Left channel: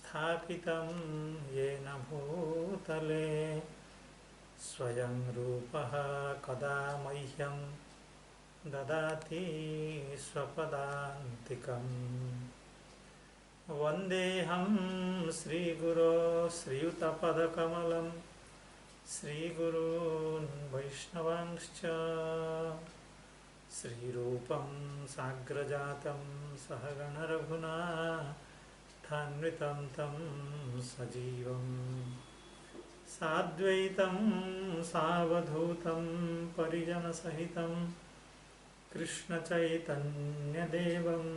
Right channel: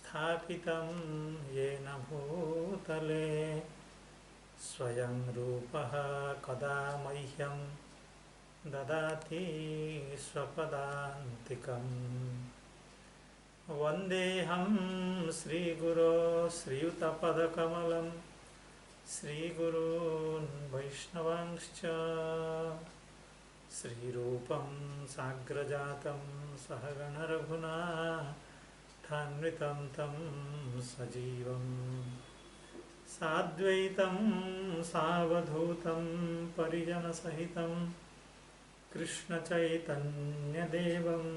स्थापितं येन भूतले स्वयं रूपः कदा मह्यं ददाति स्वपदान्तिकम्। वन्देऽहं श्रीगुरो श्रीयुतपदकमलं श्रीगुरून् वैष्णवांश्च श्रीरूपं साग्रजातं सहगणरघुनाथान्वितं तं सजीवम् साद्वैतं सावधूतं परिजनसहितं कृष्णचैतन्यदेवम्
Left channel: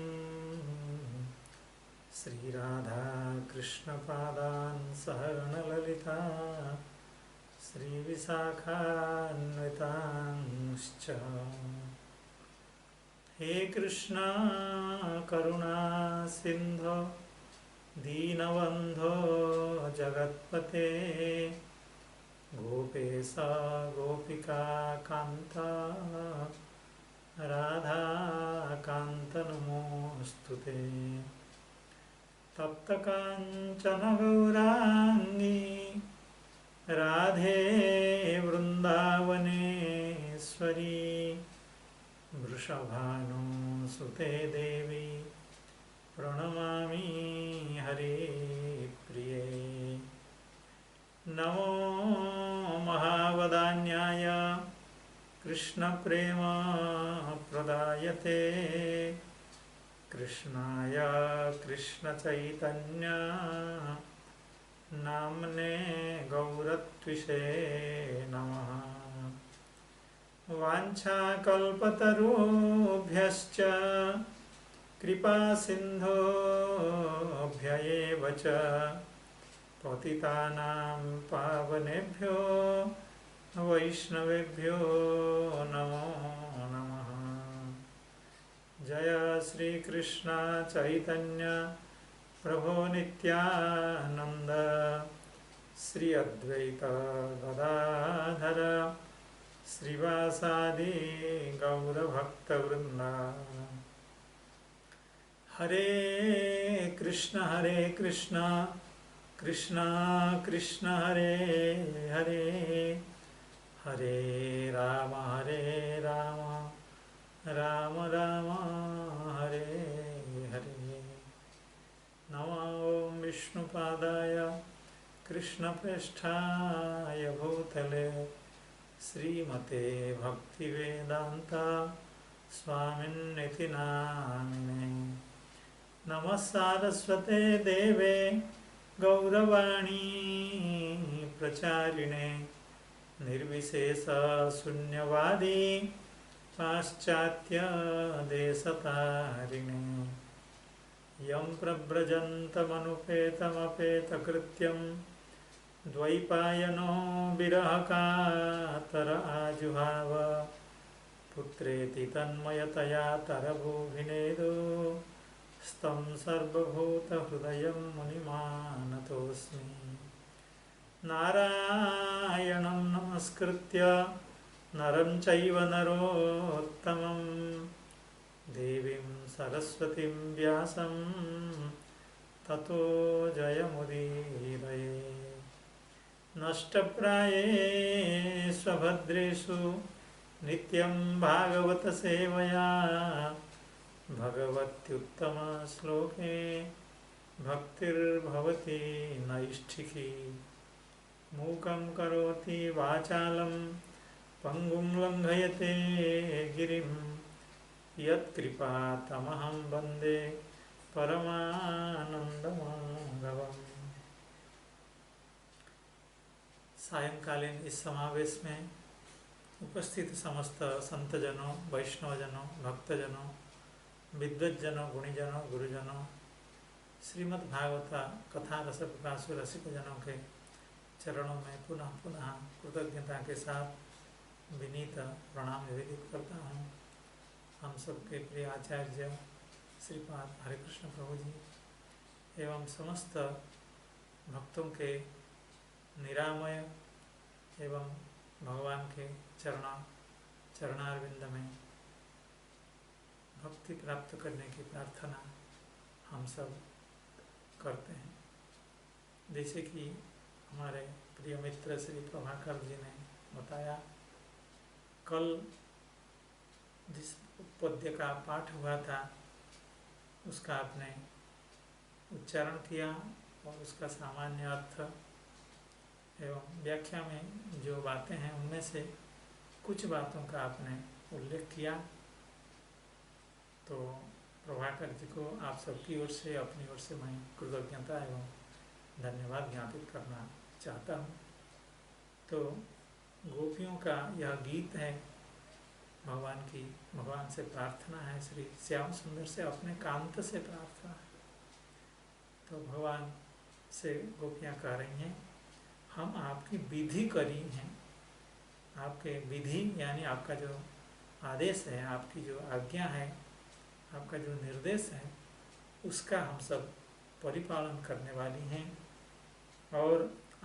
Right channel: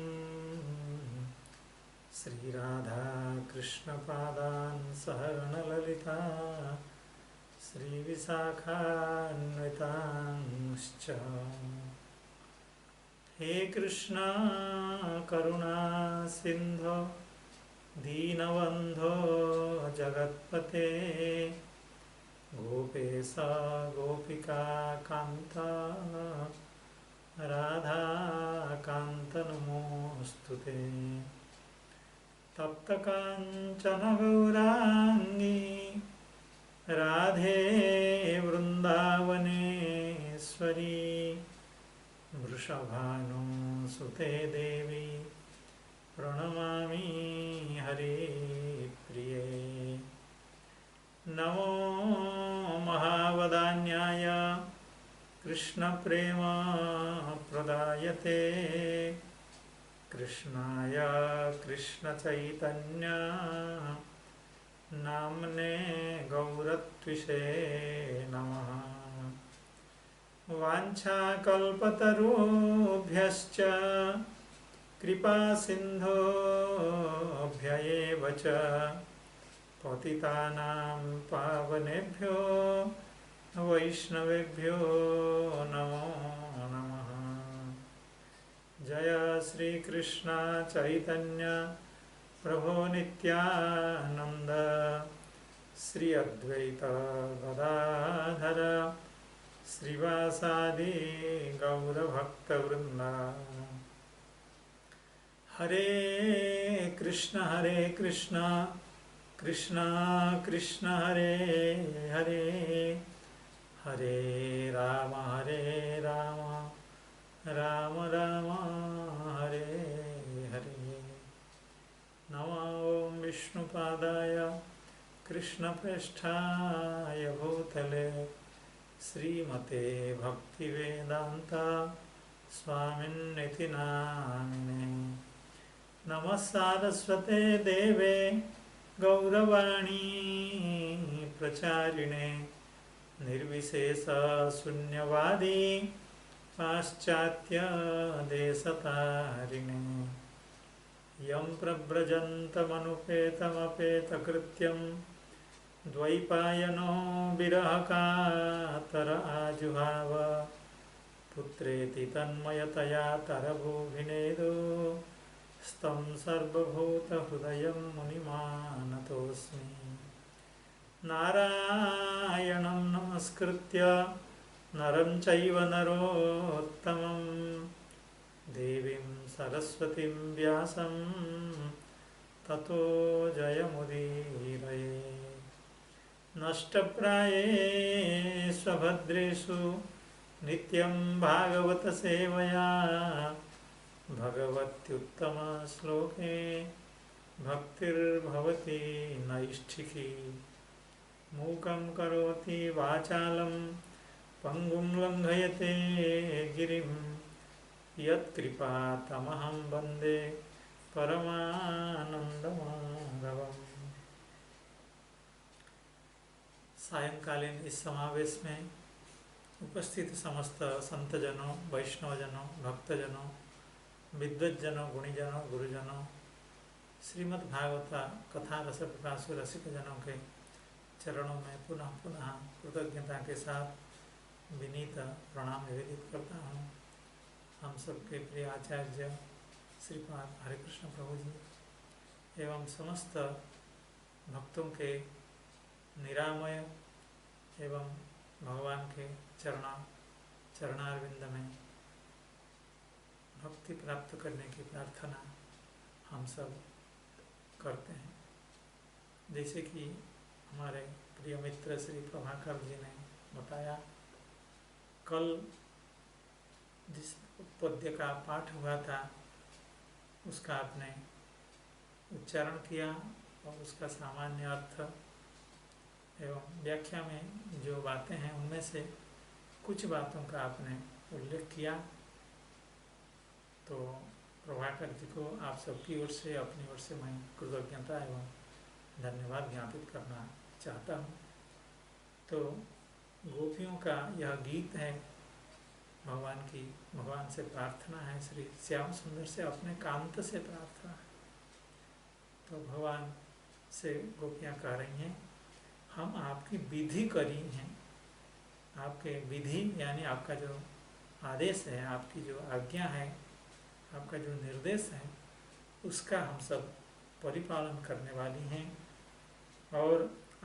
श्रीराधाकृष्णपादान् सहगणललिता श्रीविशाखान्वितांश्च। हे कृष्णा करुणा सिन्धो दीनबन्धो जगत्पते गोपेश गोपिका कान्त राधाकान्त नमोऽस्तुते। तप्तकाञ्चन गौराङ्गी राधे वृन्दावनेश्वरी वृषभानुसुते देवी प्रणमामि हरिप्रिये। नमो महावदान्याय कृष्णप्रेमप्रदायते कृष्णाय कृष्णचैतन्य नाम्ने गौरत्विषे नमः। वाञ्छाकल्पतरुभ्यश्च कृपासिन्धोभ्य एव च पतितानां पावनेभ्यो वैष्णवेभ्यो नमो नमः। जय श्री कृष्ण चैतन्य प्रभो नित्यानंद श्री अद्वैत गदाधर श्रीवासादि गौरभक्तवृंद। हरे कृष्ण कृष्ण कृष्ण हरे हरे हरे राम राम राम हरे हरे। नमो ओं विष्णुपादाय कृष्णप्रेष्ठाय भूतले श्रीमते भक्तिवेदांत स्वामिन्निति नामिने। नमः सारस्वते देवे गौरवाणी प्रचारिणे निर्विशेष शून्यवादी पाश्चात्य देशतारिणे। यं प्रव्रजन्तमनुपेतमपेतकृत्यं द्वैपायनो विरहकातर आजुहाव पुत्रेति तन्मयतया तरभूभिनेदु स्तं सर्वभूतहृदयं मुनिमानतोऽस्मि। नारायणं नमस्कृत्य नरं चैव नरोत्तमं देवीं सरस्वतीं व्यासं ततो जयमुदीरये। नष्टप्रायेषु भद्रेषु नित्यं भागवत सेवया भगवत्युत्तमश्लोके भक्तिर्भवति नैष्ठिकी। मूकं करोति वाचालं पंगुं लंघयते गिरिं यत्कृपातमहं वन्दे परमानन्दमाधवम्। सायंकालीन इस समावेश में उपस्थित समस्त संतजनों, वैष्णवजनों, भक्तजनों, विद्वज्जनों, गुणीजनों, गुरुजनों, श्रीमद् भागवत कथा रस पिपासु रसिक जनों के चरणों में पुनः पुनः कृतज्ञता के साथ विनीत प्रणाम निवेदित करता हूँ। हम सबके प्रिय आचार्य श्रीपाद हरिकृष्ण प्रभु जी एवं समस्त भक्तों के निरामय एवं भगवान के चरणारविंद में भक्ति प्राप्त करने की प्रार्थना हम सब करते हैं। जैसे कि हमारे प्रिय मित्र श्री प्रभाकर जी ने बताया, कल जिस पद्य का पाठ हुआ था उसका आपने उच्चारण किया और उसका सामान्य अर्थ एवं व्याख्या में जो बातें हैं उनमें से कुछ बातों का आपने उल्लेख किया। तो प्रभाकर जी को आप सबकी ओर से, अपनी ओर से मैं कृतज्ञता एवं धन्यवाद ज्ञापित करना चाहता हूँ। तो गोपियों का यह गीत है, भगवान से प्रार्थना है, श्री श्याम सुंदर से अपने कांत से प्रार्थना है। तो भगवान से गोपियाँ कह रही हैं, हम आपकी विधि करी हैं, आपके विधि यानी आपका जो आदेश है, आपकी जो आज्ञा है, आपका जो निर्देश है, उसका हम सब परिपालन करने वाली हैं। और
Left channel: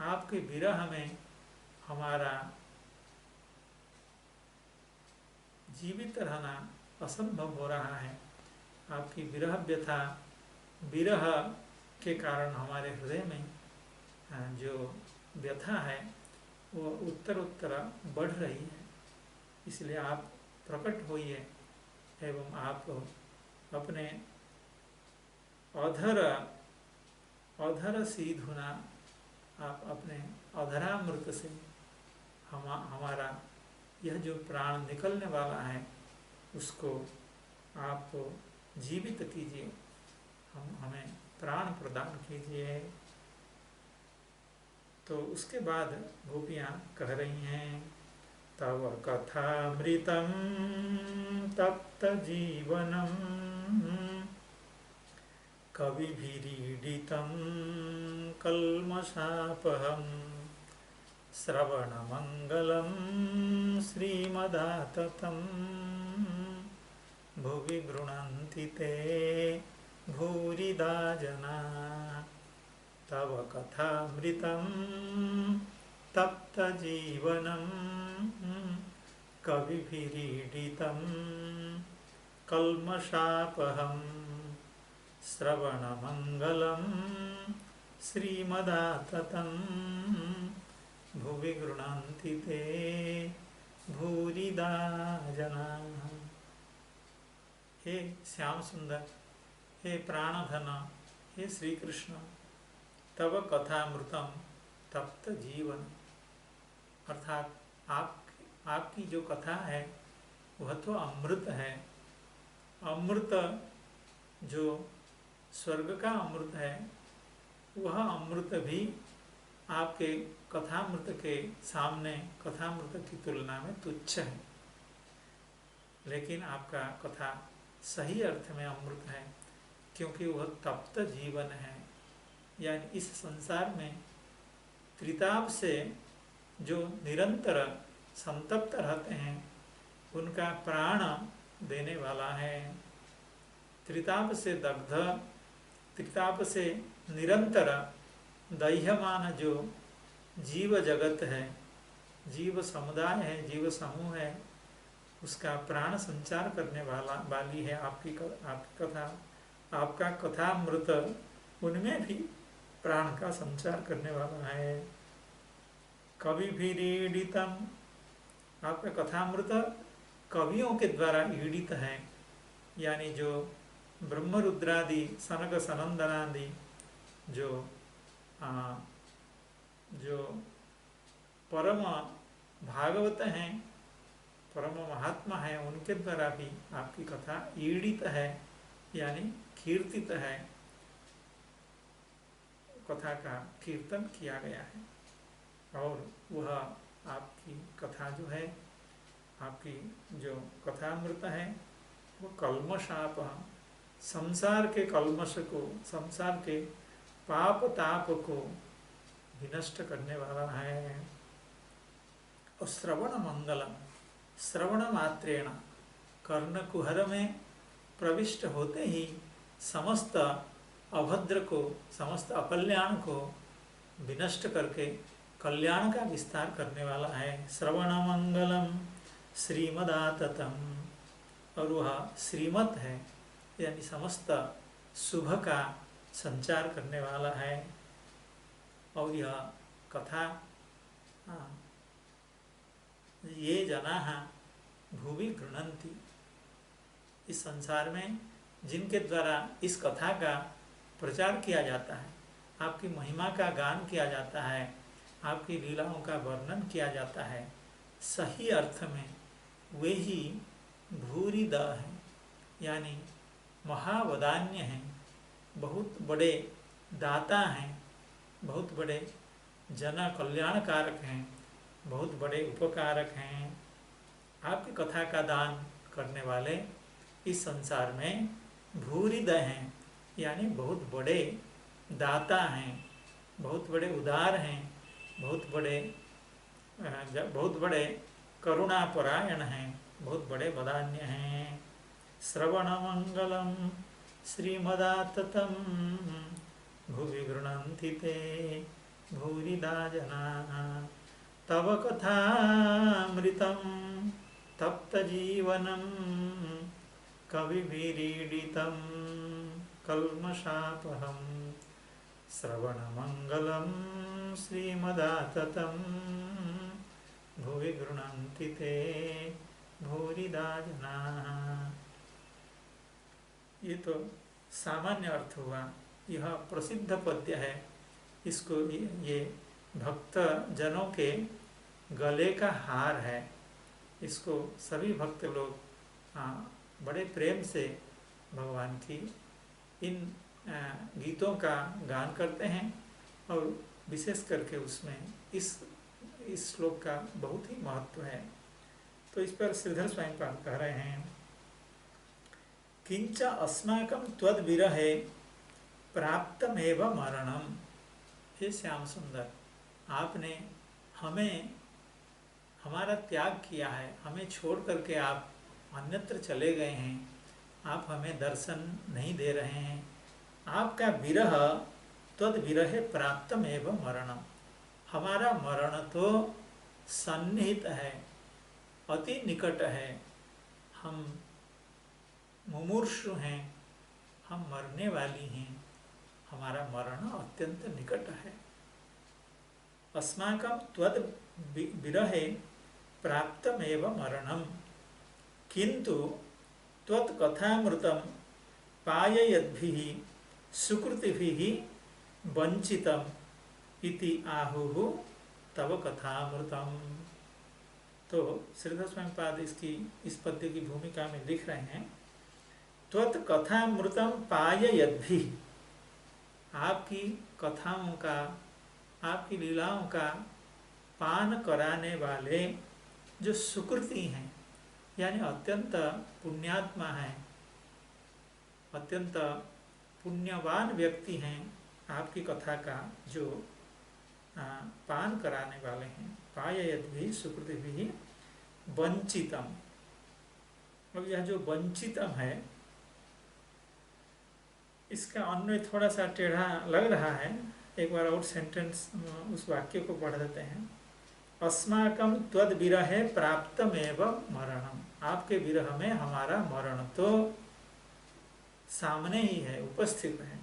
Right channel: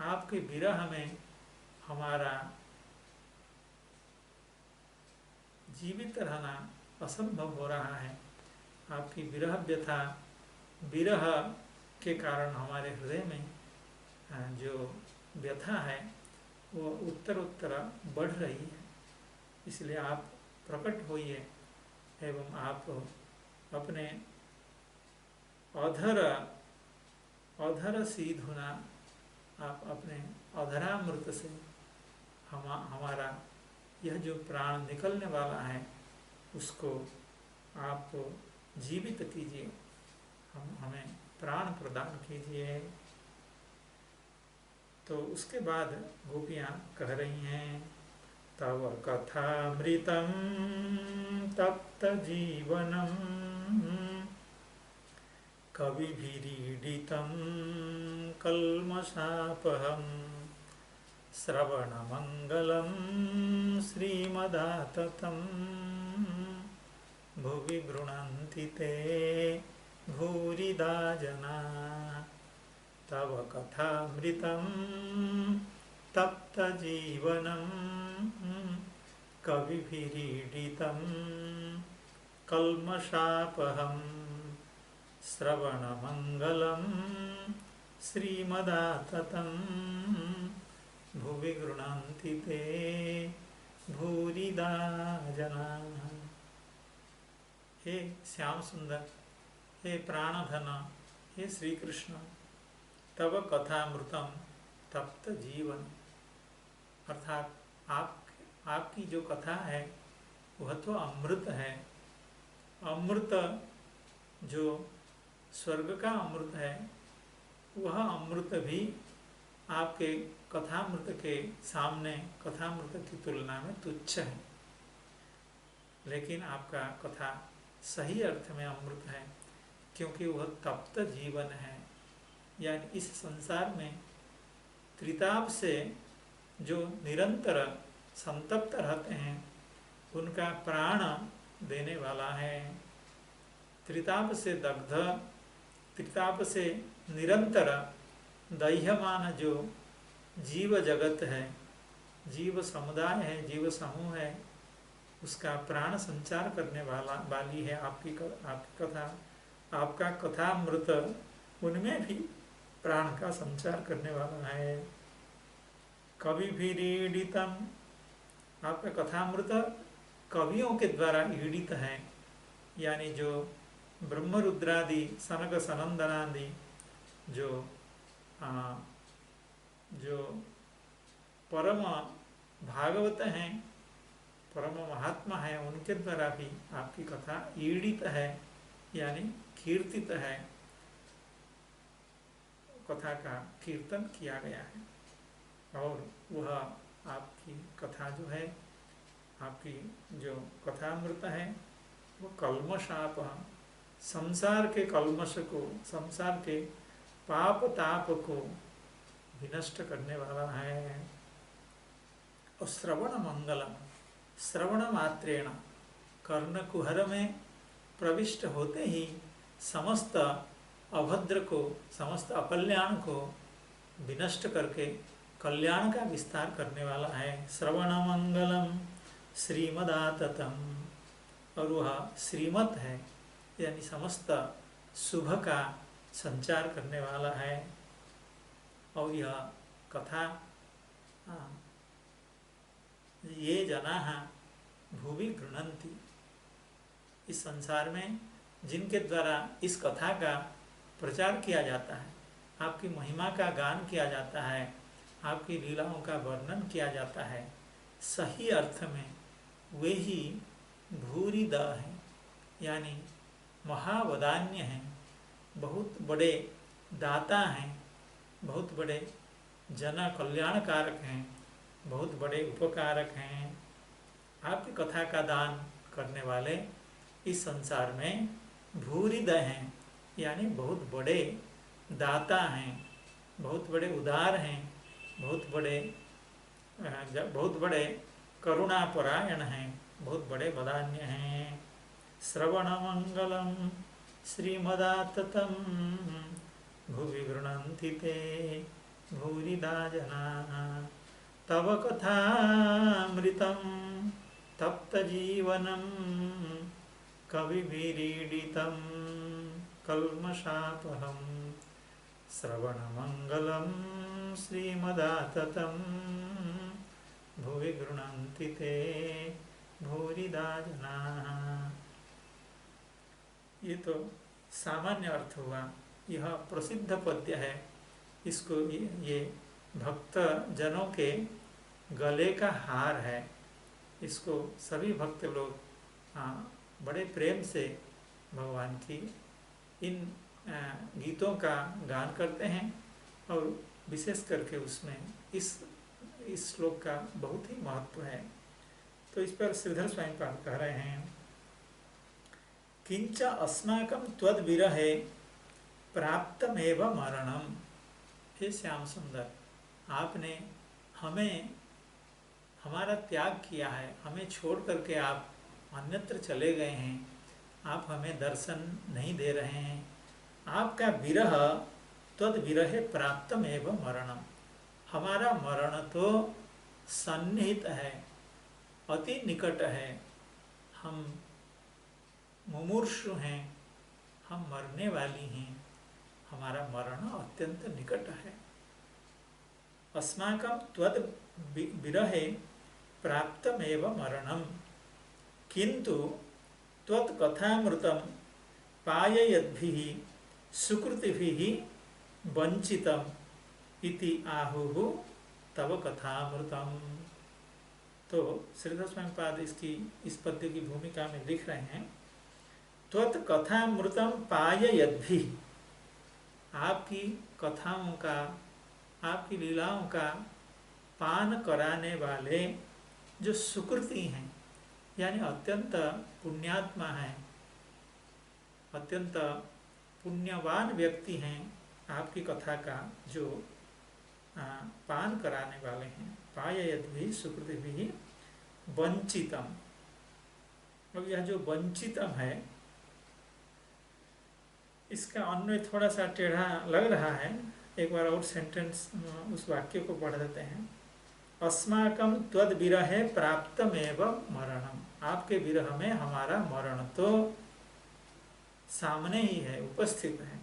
आपके विरह में हमारा जीवित रहना असंभव हो रहा है। आपकी विरह व्यथा, विरह के कारण हमारे हृदय में जो व्यथा है वो उत्तर बढ़ रही है। इसलिए आप प्रकट होइए एवं आप अपने अधर सीधुना, आप अपने अधरामृत से हमारा यह जो प्राण निकलने वाला है उसको आप जीवित कीजिए, हमें प्राण प्रदान कीजिए। तो उसके बाद गोपियाँ कह रही हैं, तव कथामृतं तप्त जीवनं कविभिरीडितं कल्मषापहं श्रवणमङ्गलं श्रीमदाततं भुवि गृह्णन्ति ते भूरिदा जना। तव कथामृतं तप्त जीवनं कविभिरीडितं कल्मषापहं श्रवणमङ्गलं श्रीमदाततं भुवि गृह्णन्ति ते भूरिदा जनाः। हे श्याम सुंदर, हे प्राणधन, हे श्री कृष्ण, तव कथामृतम तप्त जीवन, अर्थात आपकी जो कथा है वह तो अमृत है। अमृत जो स्वर्ग का अमृत है वह अमृत भी आपके कथामृत के सामने, कथामृत की तुलना में तुच्छ है। लेकिन आपका कथा सही अर्थ में अमृत है, क्योंकि वह तप्त जीवन है। यानी इस संसार में त्रिताप से जो निरंतर संतप्त रहते हैं उनका प्राण देने वाला है। त्रिताप से दग्ध, त्रिताप से निरंतर दह्यमान जो जीव जगत है, जीव समुदाय है, जीव समूह है, उसका प्राण संचार करने वाली है आपकी कथा। आपका कथामृत उनमें भी प्राण का संचार करने वाला है। कविभिरीडितम, आपका कथामृत कवियों के द्वारा ईडित है। यानी जो ब्रह्मरुद्रादि सनक सनंदनादि जो परम भागवत हैं, परम महात्मा है, उनके द्वारा भी आपकी कथा ईडित है, यानी कीर्तित है, कथा का कीर्तन किया गया है। और वह आपकी कथा जो है, आपकी जो कथामृत है वो कल्मषाप, संसार के कल्मष को, संसार के पाप ताप को विनष्ट करने वाला है। और श्रवण मंगलम, श्रवण मात्रेण, कर्ण कुहर में प्रविष्ट होते ही समस्त अभद्र को, समस्त अकल्याण को विनष्ट करके कल्याण का विस्तार करने वाला है। श्रवण मंगलम श्रीमदाततम, और वह श्रीमत है, यानी समस्त शुभ का संचार करने वाला है। और यह कथा ये जनाः भुवि गृह्णन्ति, इस संसार में जिनके द्वारा इस कथा का प्रचार किया जाता है, आपकी महिमा का गान किया जाता है, आपकी लीलाओं का वर्णन किया जाता है, सही अर्थ में वे ही भूरिद हैं, यानी महावदान्य हैं, बहुत बड़े दाता हैं, बहुत बड़े जन कल्याणकारक हैं, बहुत बड़े उपकारक हैं। आपकी कथा का दान करने वाले इस संसार में भूरिद हैं, यानी बहुत बड़े दाता हैं, बहुत बड़े उदार हैं, बहुत बड़े करुणापरायण हैं, बहुत बड़े वदान्य हैं। श्रवणमंगलम श्रीमदाततं भुवि गृह्णन्ति ते भूरिदा जनाः, तव कथामृतं तप्तजीवनं कविभिरीडितं कल्मषापहं। श्रवणमंगलम श्रीमदाततं भुवि गृह्णन्ति ते भूरिदा जनाः। ये तो सामान्य अर्थ हुआ। यह प्रसिद्ध पद्य है, इसको ये भक्त जनों के गले का हार है। इसको सभी भक्त लोग बड़े प्रेम से भगवान की इन गीतों का गान करते हैं, और विशेष करके उसमें इस श्लोक का बहुत ही महत्व है। तो इस पर श्रीधर स्वामीपाद कह रहे हैं, किंच अस्माकं त्वद्विरहे प्राप्तमेव मरणम। हे श्याम सुंदर, आपने हमें हमारा त्याग किया है, हमें छोड़ करके आप अन्यत्र चले गए हैं, आप हमें दर्शन नहीं दे रहे हैं। आपका विरह त्वद्विरहे प्राप्तमेव मरणम, हमारा मरण तो सन्निहित है, अति निकट है। हम मुमूर्षु हैं, हम मरने वाली हैं, हमारा मरण अत्यंत निकट है। अस्माकं त्वद् विरहे प्राप्तमेव मरणम, किंतु त्वत्कथामृतं पाययद्भिः सुकृतिभिः वंचितम् इति आहुः तव कथामृतम। तो श्रीधर स्वामीपाद इस पद्य की भूमिका में लिख रहे हैं, त्वत्कथामृतं पाययद्भिः, आपकी कथाओं का, आपकी लीलाओं का पान कराने वाले जो सुकृति हैं, यानी अत्यंत पुण्यात्मा हैं, अत्यंत पुण्यवान व्यक्ति हैं, आपकी कथा का जो पान कराने वाले हैं। पाययद्भिः सुकृतिभिः वंचितम। अब यह जो वंचितम है, इसका अन्वय थोड़ा सा टेढ़ा लग रहा है। एक बार और सेंटेंस उस वाक्य को पढ़ देते हैं। अस्माकं त्वद्विरहे प्राप्तमेव मरणम, आपके विरह में हमारा मरण तो सामने ही है, उपस्थित है।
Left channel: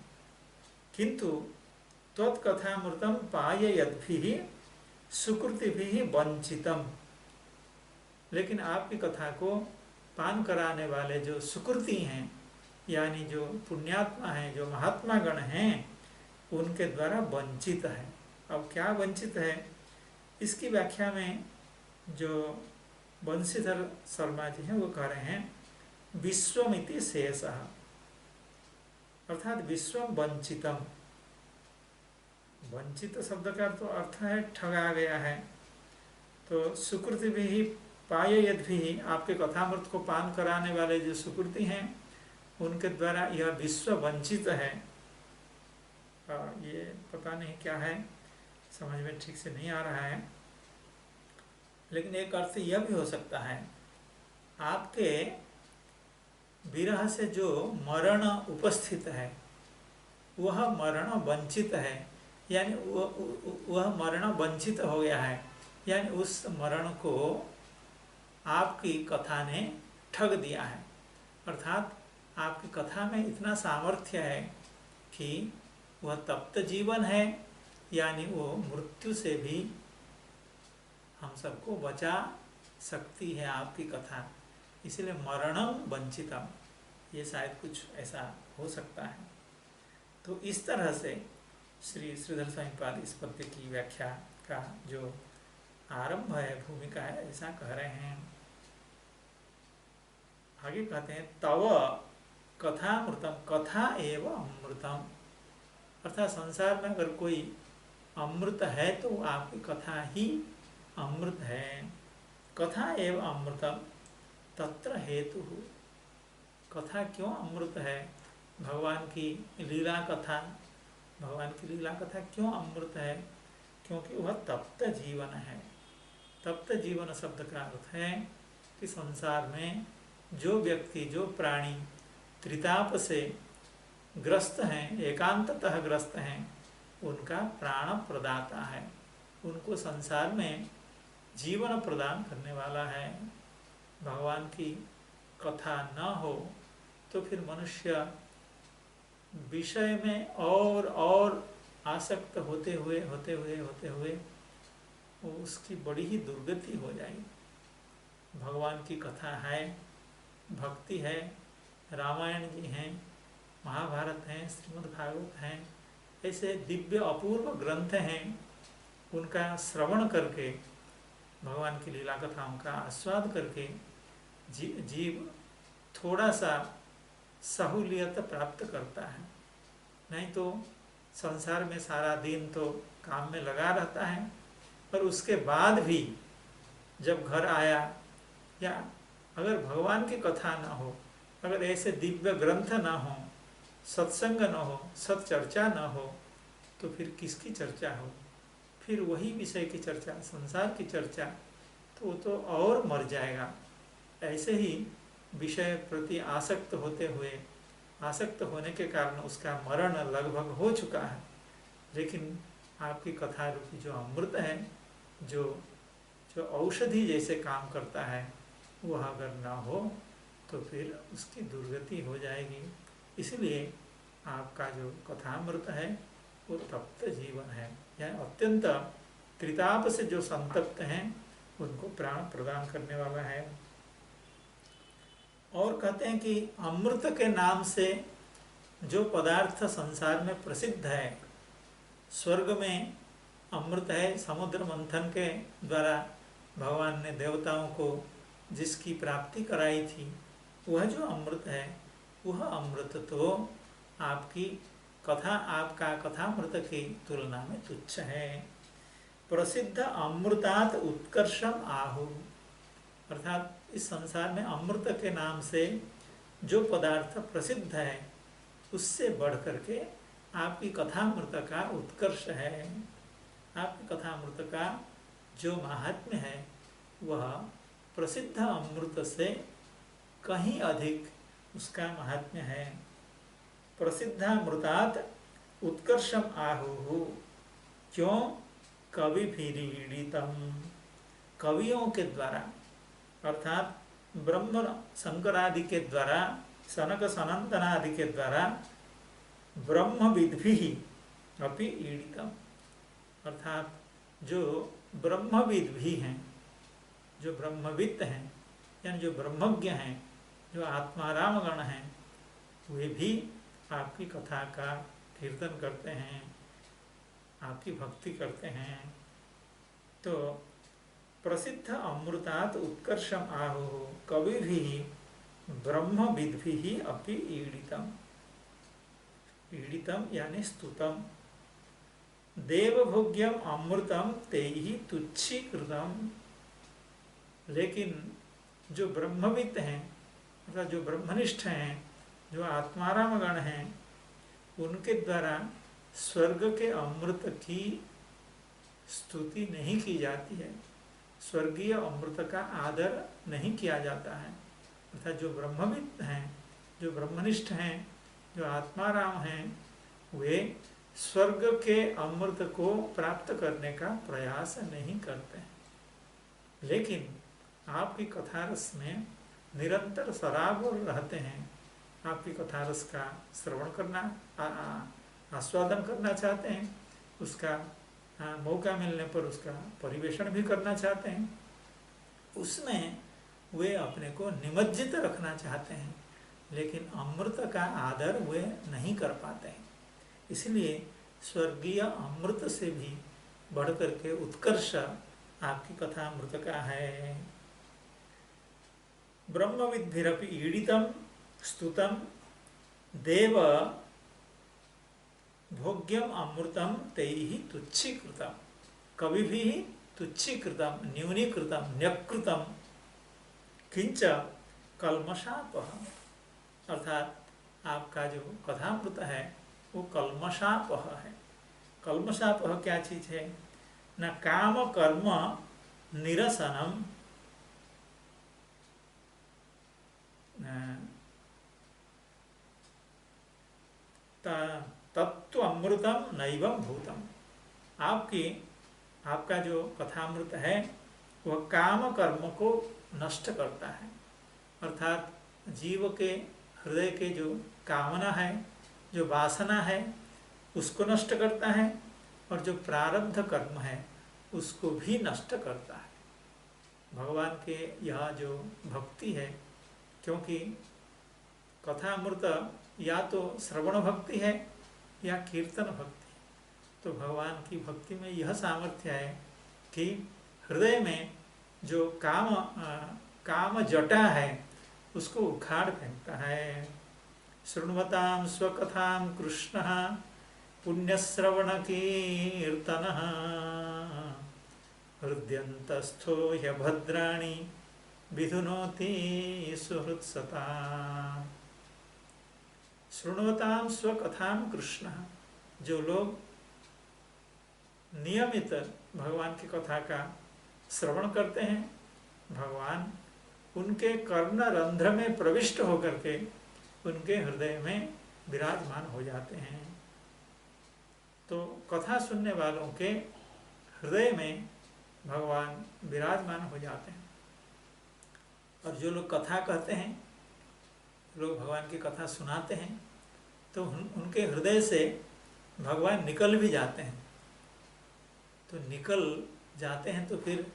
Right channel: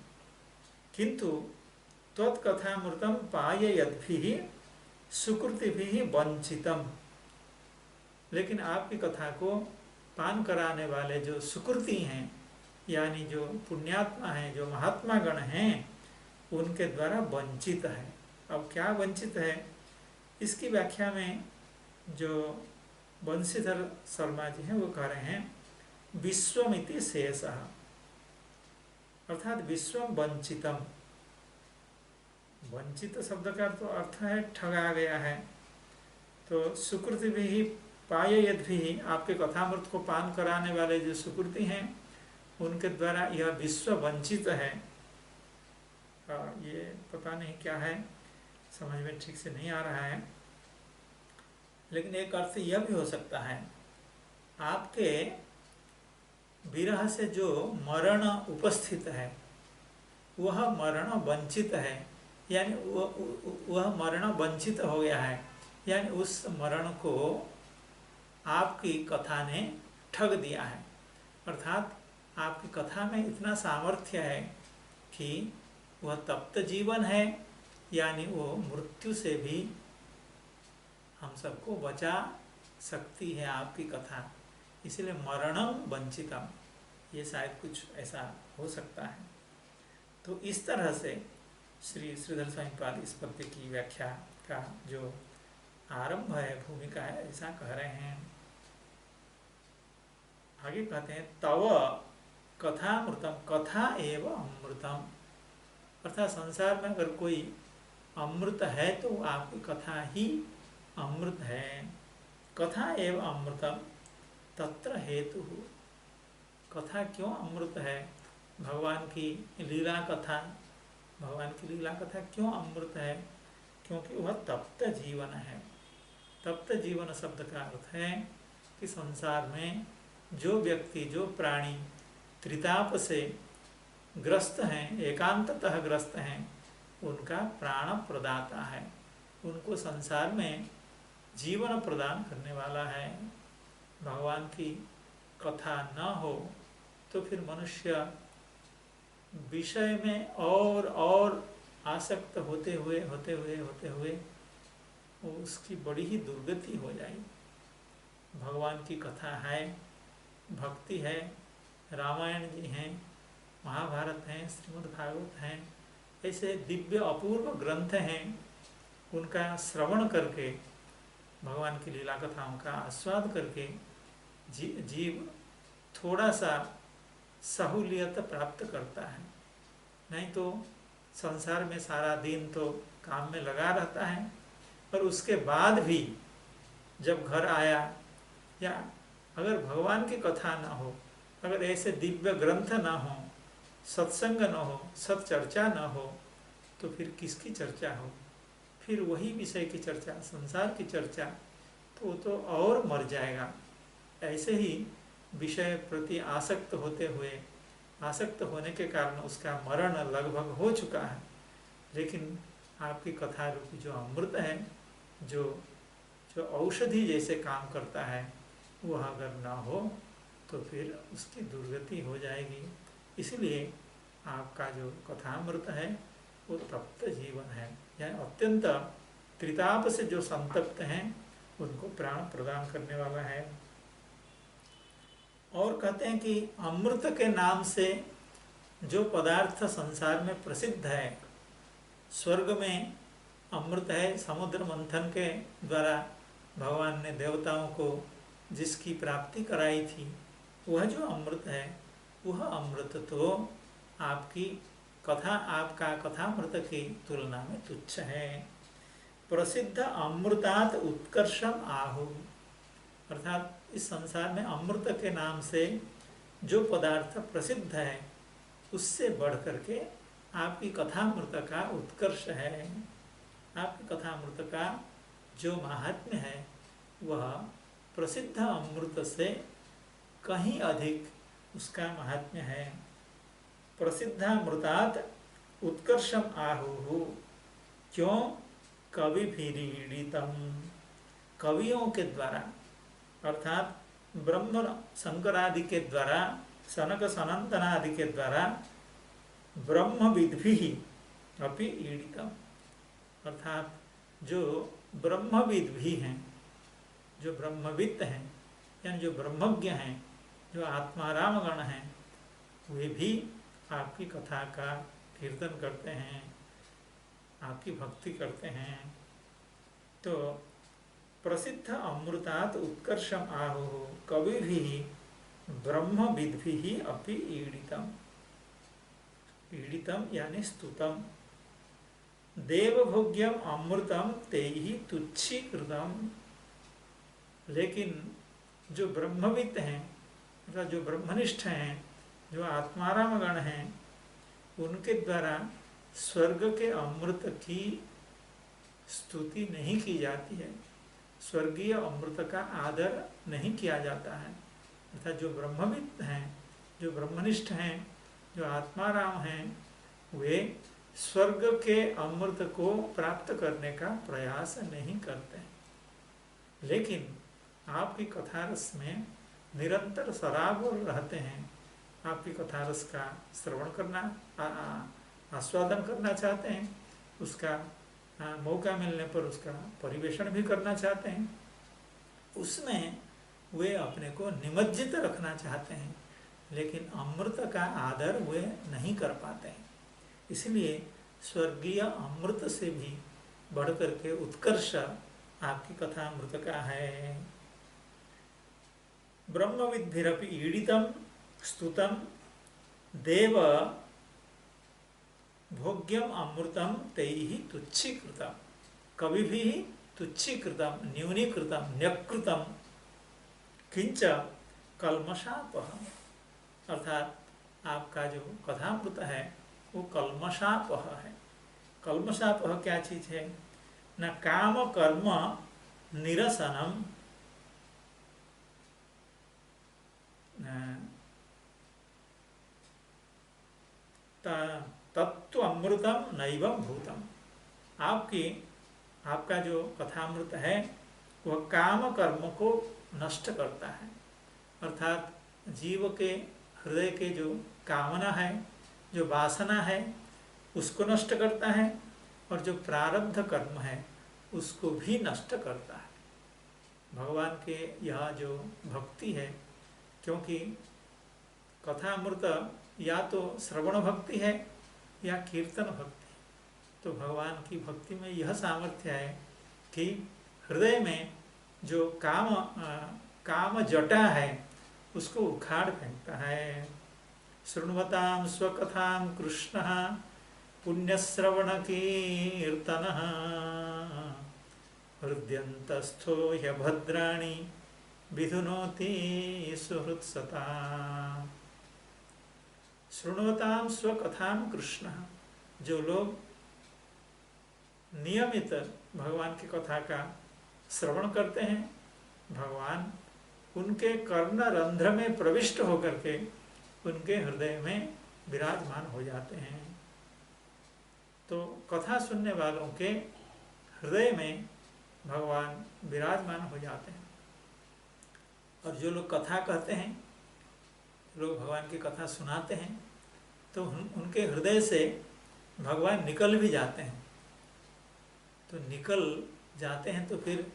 किंतु त्वत्कथामृतं पाययद्भिः सुकृतिभिः वंचितम, लेकिन आपकी कथा को पान कराने वाले जो सुकृति हैं, यानी जो पुण्यात्मा हैं, जो महात्मा गण हैं, उनके द्वारा वंचित है। अब क्या वंचित है, इसकी व्याख्या में जो बंशीधर शर्मा जी हैं वो कह रहे हैं, विश्वमिति शेषः, अर्थात विश्वम वंचितम। वंचित शब्द का तो अर्थ है ठगा गया है। तो सुकृति भी पाययद्भिः, आपके कथामृत को पान कराने वाले जो सुकृति हैं, उनके द्वारा यह विश्व वंचित है। ये पता नहीं क्या है, समझ में ठीक से नहीं आ रहा है, लेकिन एक अर्थ यह भी हो सकता है, आपके विरह से जो मरण उपस्थित है वह मरण वंचित है, यानी वह मरण वंचित हो गया है, यानी उस मरण को आपकी कथा ने ठग दिया है। अर्थात आपकी कथा में इतना सामर्थ्य है कि वह तप्त जीवन है, यानी वो मृत्यु से भी हम सबको बचा सकती है आपकी कथा, इसलिए मरणम वंचितम, ये शायद कुछ ऐसा हो सकता है। तो इस तरह से श्री श्रीधर स्वामीपाद इस पद्य की व्याख्या का जो आरंभ है, भूमिका है, ऐसा कह रहे हैं। आगे कहते हैं तव कथामृतम, कथा एव अमृतम, अर्थात संसार में अगर कोई अमृत है तो आपकी कथा ही अमृत है। कथा एव अमृतम तत्र हेतु, कथा क्यों अमृत है? भगवान की लीला कथा, भगवान की लीला कथा क्यों अमृत है? क्योंकि वह तप्त जीवन है। तप्त जीवन शब्द का अर्थ है कि संसार में जो व्यक्ति, जो प्राणी त्रिताप से ग्रस्त हैं, एकांततः ग्रस्त हैं, उनका प्राण प्रदाता है, उनको संसार में जीवन प्रदान करने वाला है। भगवान की कथा न हो तो फिर मनुष्य विषय में और आसक्त होते हुए उसकी बड़ी ही दुर्गति हो जाएगी। भगवान की कथा है, भक्ति है, रामायण जी हैं, महाभारत हैं, श्रीमद् भागवत हैं, ऐसे दिव्य अपूर्व ग्रंथ हैं, उनका श्रवण करके, भगवान की लीला कथाओं का आस्वाद करके जीव थोड़ा सा सहूलियत प्राप्त करता है। नहीं तो संसार में सारा दिन तो काम में लगा रहता है, पर उसके बाद भी जब घर आया, या अगर भगवान की कथा ना हो, अगर ऐसे दिव्य ग्रंथ ना हो, सत्संग न हो, सत्चर्चा न हो, तो फिर किसकी चर्चा हो? फिर वही विषय की चर्चा, संसार की चर्चा, तो और मर जाएगा। ऐसे ही विषय प्रति आसक्त होते हुए, आसक्त होने के कारण उसका मरण लगभग हो चुका है। लेकिन आपकी कथा रूपी जो अमृत है, जो औषधि जैसे काम करता है, वह अगर ना हो तो फिर उसकी दुर्गति हो जाएगी। इसलिए आपका जो कथामृत है वो तप्त जीवन है, यानी अत्यंत त्रिताप से जो संतप्त हैं उनको प्राण प्रदान करने वाला है। और कहते हैं कि अमृत के नाम से जो पदार्थ संसार में प्रसिद्ध है, स्वर्ग में अमृत है, समुद्र मंथन के द्वारा भगवान ने देवताओं को जिसकी प्राप्ति कराई थी, वह जो अमृत है, वह अमृत तो आपकी कथा, आपका कथामृत की तुलना में तुच्छ है। प्रसिद्ध अमृतात् उत्कर्षम आहु, अर्थात इस संसार में अमृत के नाम से जो पदार्थ प्रसिद्ध है, उससे बढ़ करके आपकी कथामृत का उत्कर्ष है। आपकी कथामृत का जो महात्म्य है वह प्रसिद्ध अमृत से कहीं अधिक उसका महात्म्य है। प्रसिद्धामृतात् उत्कर्षम आहुः, क्यों? कविभिरीडितम, कवियों के द्वारा, अर्थात ब्रह्म शंकर आदि के द्वारा, सनक सनंदन आदि के द्वारा ब्रह्मविद्भिः अपि ईडितम, अर्थात जो ब्रह्मविद भी हैं, जो ब्रह्मविद हैं, यानी जो ब्रह्मज्ञ हैं, जो आत्मारामगण हैं, वे भी आपकी कथा का कीर्तन करते हैं, आपकी भक्ति करते हैं। तो प्रसिद्ध अमृतात् उत्कर्षम आहुः कविभिः ब्रह्मविद्भिः अपि ईडितम, ईडितम यानी स्तुतम। देवभोग्यम अमृतम तेहि तुच्छीकृतम, लेकिन जो ब्रह्मविद हैं, अर्थात जो ब्रह्मनिष्ठ हैं, जो आत्मारामगण हैं, उनके द्वारा स्वर्ग के अमृत की स्तुति नहीं की जाती है, स्वर्गीय अमृत का आदर नहीं किया जाता है। अर्थात जो ब्रह्मविद हैं, जो ब्रह्मनिष्ठ हैं, जो आत्माराम हैं, वे स्वर्ग के अमृत को प्राप्त करने का प्रयास नहीं करते। लेकिन आपकी कथारस में निरंतर सराबोर रहते हैं, आपकी कथारस का श्रवण करना, आस्वादन करना चाहते हैं, उसका मौका मिलने पर उसका परिवेषण भी करना चाहते हैं, उसमें वे अपने को निमज्जित रखना चाहते हैं, लेकिन अमृत का आदर वे नहीं कर पाते हैं। इसलिए स्वर्गीय अमृत से भी बढ़कर के उत्कर्ष आपकी कथा अमृत का है। ब्रह्मविद्भिरपि ईडितं स्तुतं देव भोग्यम अमृतम तैहि तुच्छीकृतम, कवि भी तुच्छीकृतम न्यूनीकृतम न्यकृतम किंच कल्मषापह, अर्थात आपका जो कथामृत है वो कल्मषापह है। कल्मषापह क्या चीज है? न काम कर्म निरसनम तत्व अमृतम नैवम भूतम, आपका जो कथामृत है वह काम कर्म को नष्ट करता है, अर्थात जीव के हृदय के जो कामना है, जो वासना है, उसको नष्ट करता है, और जो प्रारब्ध कर्म है उसको भी नष्ट करता है। भगवान के यह जो भक्ति है, क्योंकि कथामृत या तो श्रवण भक्ति है या कीर्तन भक्ति, तो भगवान की भक्ति में यह सामर्थ्य है कि हृदय में जो काम जटा है उसको उखाड़ फेंकता है। शृण्वतां स्वकथां कृष्णः पुण्यश्रवण कीर्तनः हृद्यन्तस्थो ह्यभद्राणि विधुनोति सुहृत्सता। शृण्वतां स्वकथां कृष्ण, जो लोग नियमित भगवान की कथा का श्रवण करते हैं, भगवान उनके कर्ण रंध्र में प्रविष्ट होकर के उनके हृदय में विराजमान हो जाते हैं। तो कथा सुनने वालों के हृदय में भगवान विराजमान हो जाते हैं। और जो लोग कथा कहते हैं, लोग भगवान की कथा सुनाते हैं, तो उनके हृदय से भगवान निकल भी जाते हैं। तो निकल जाते हैं तो फिर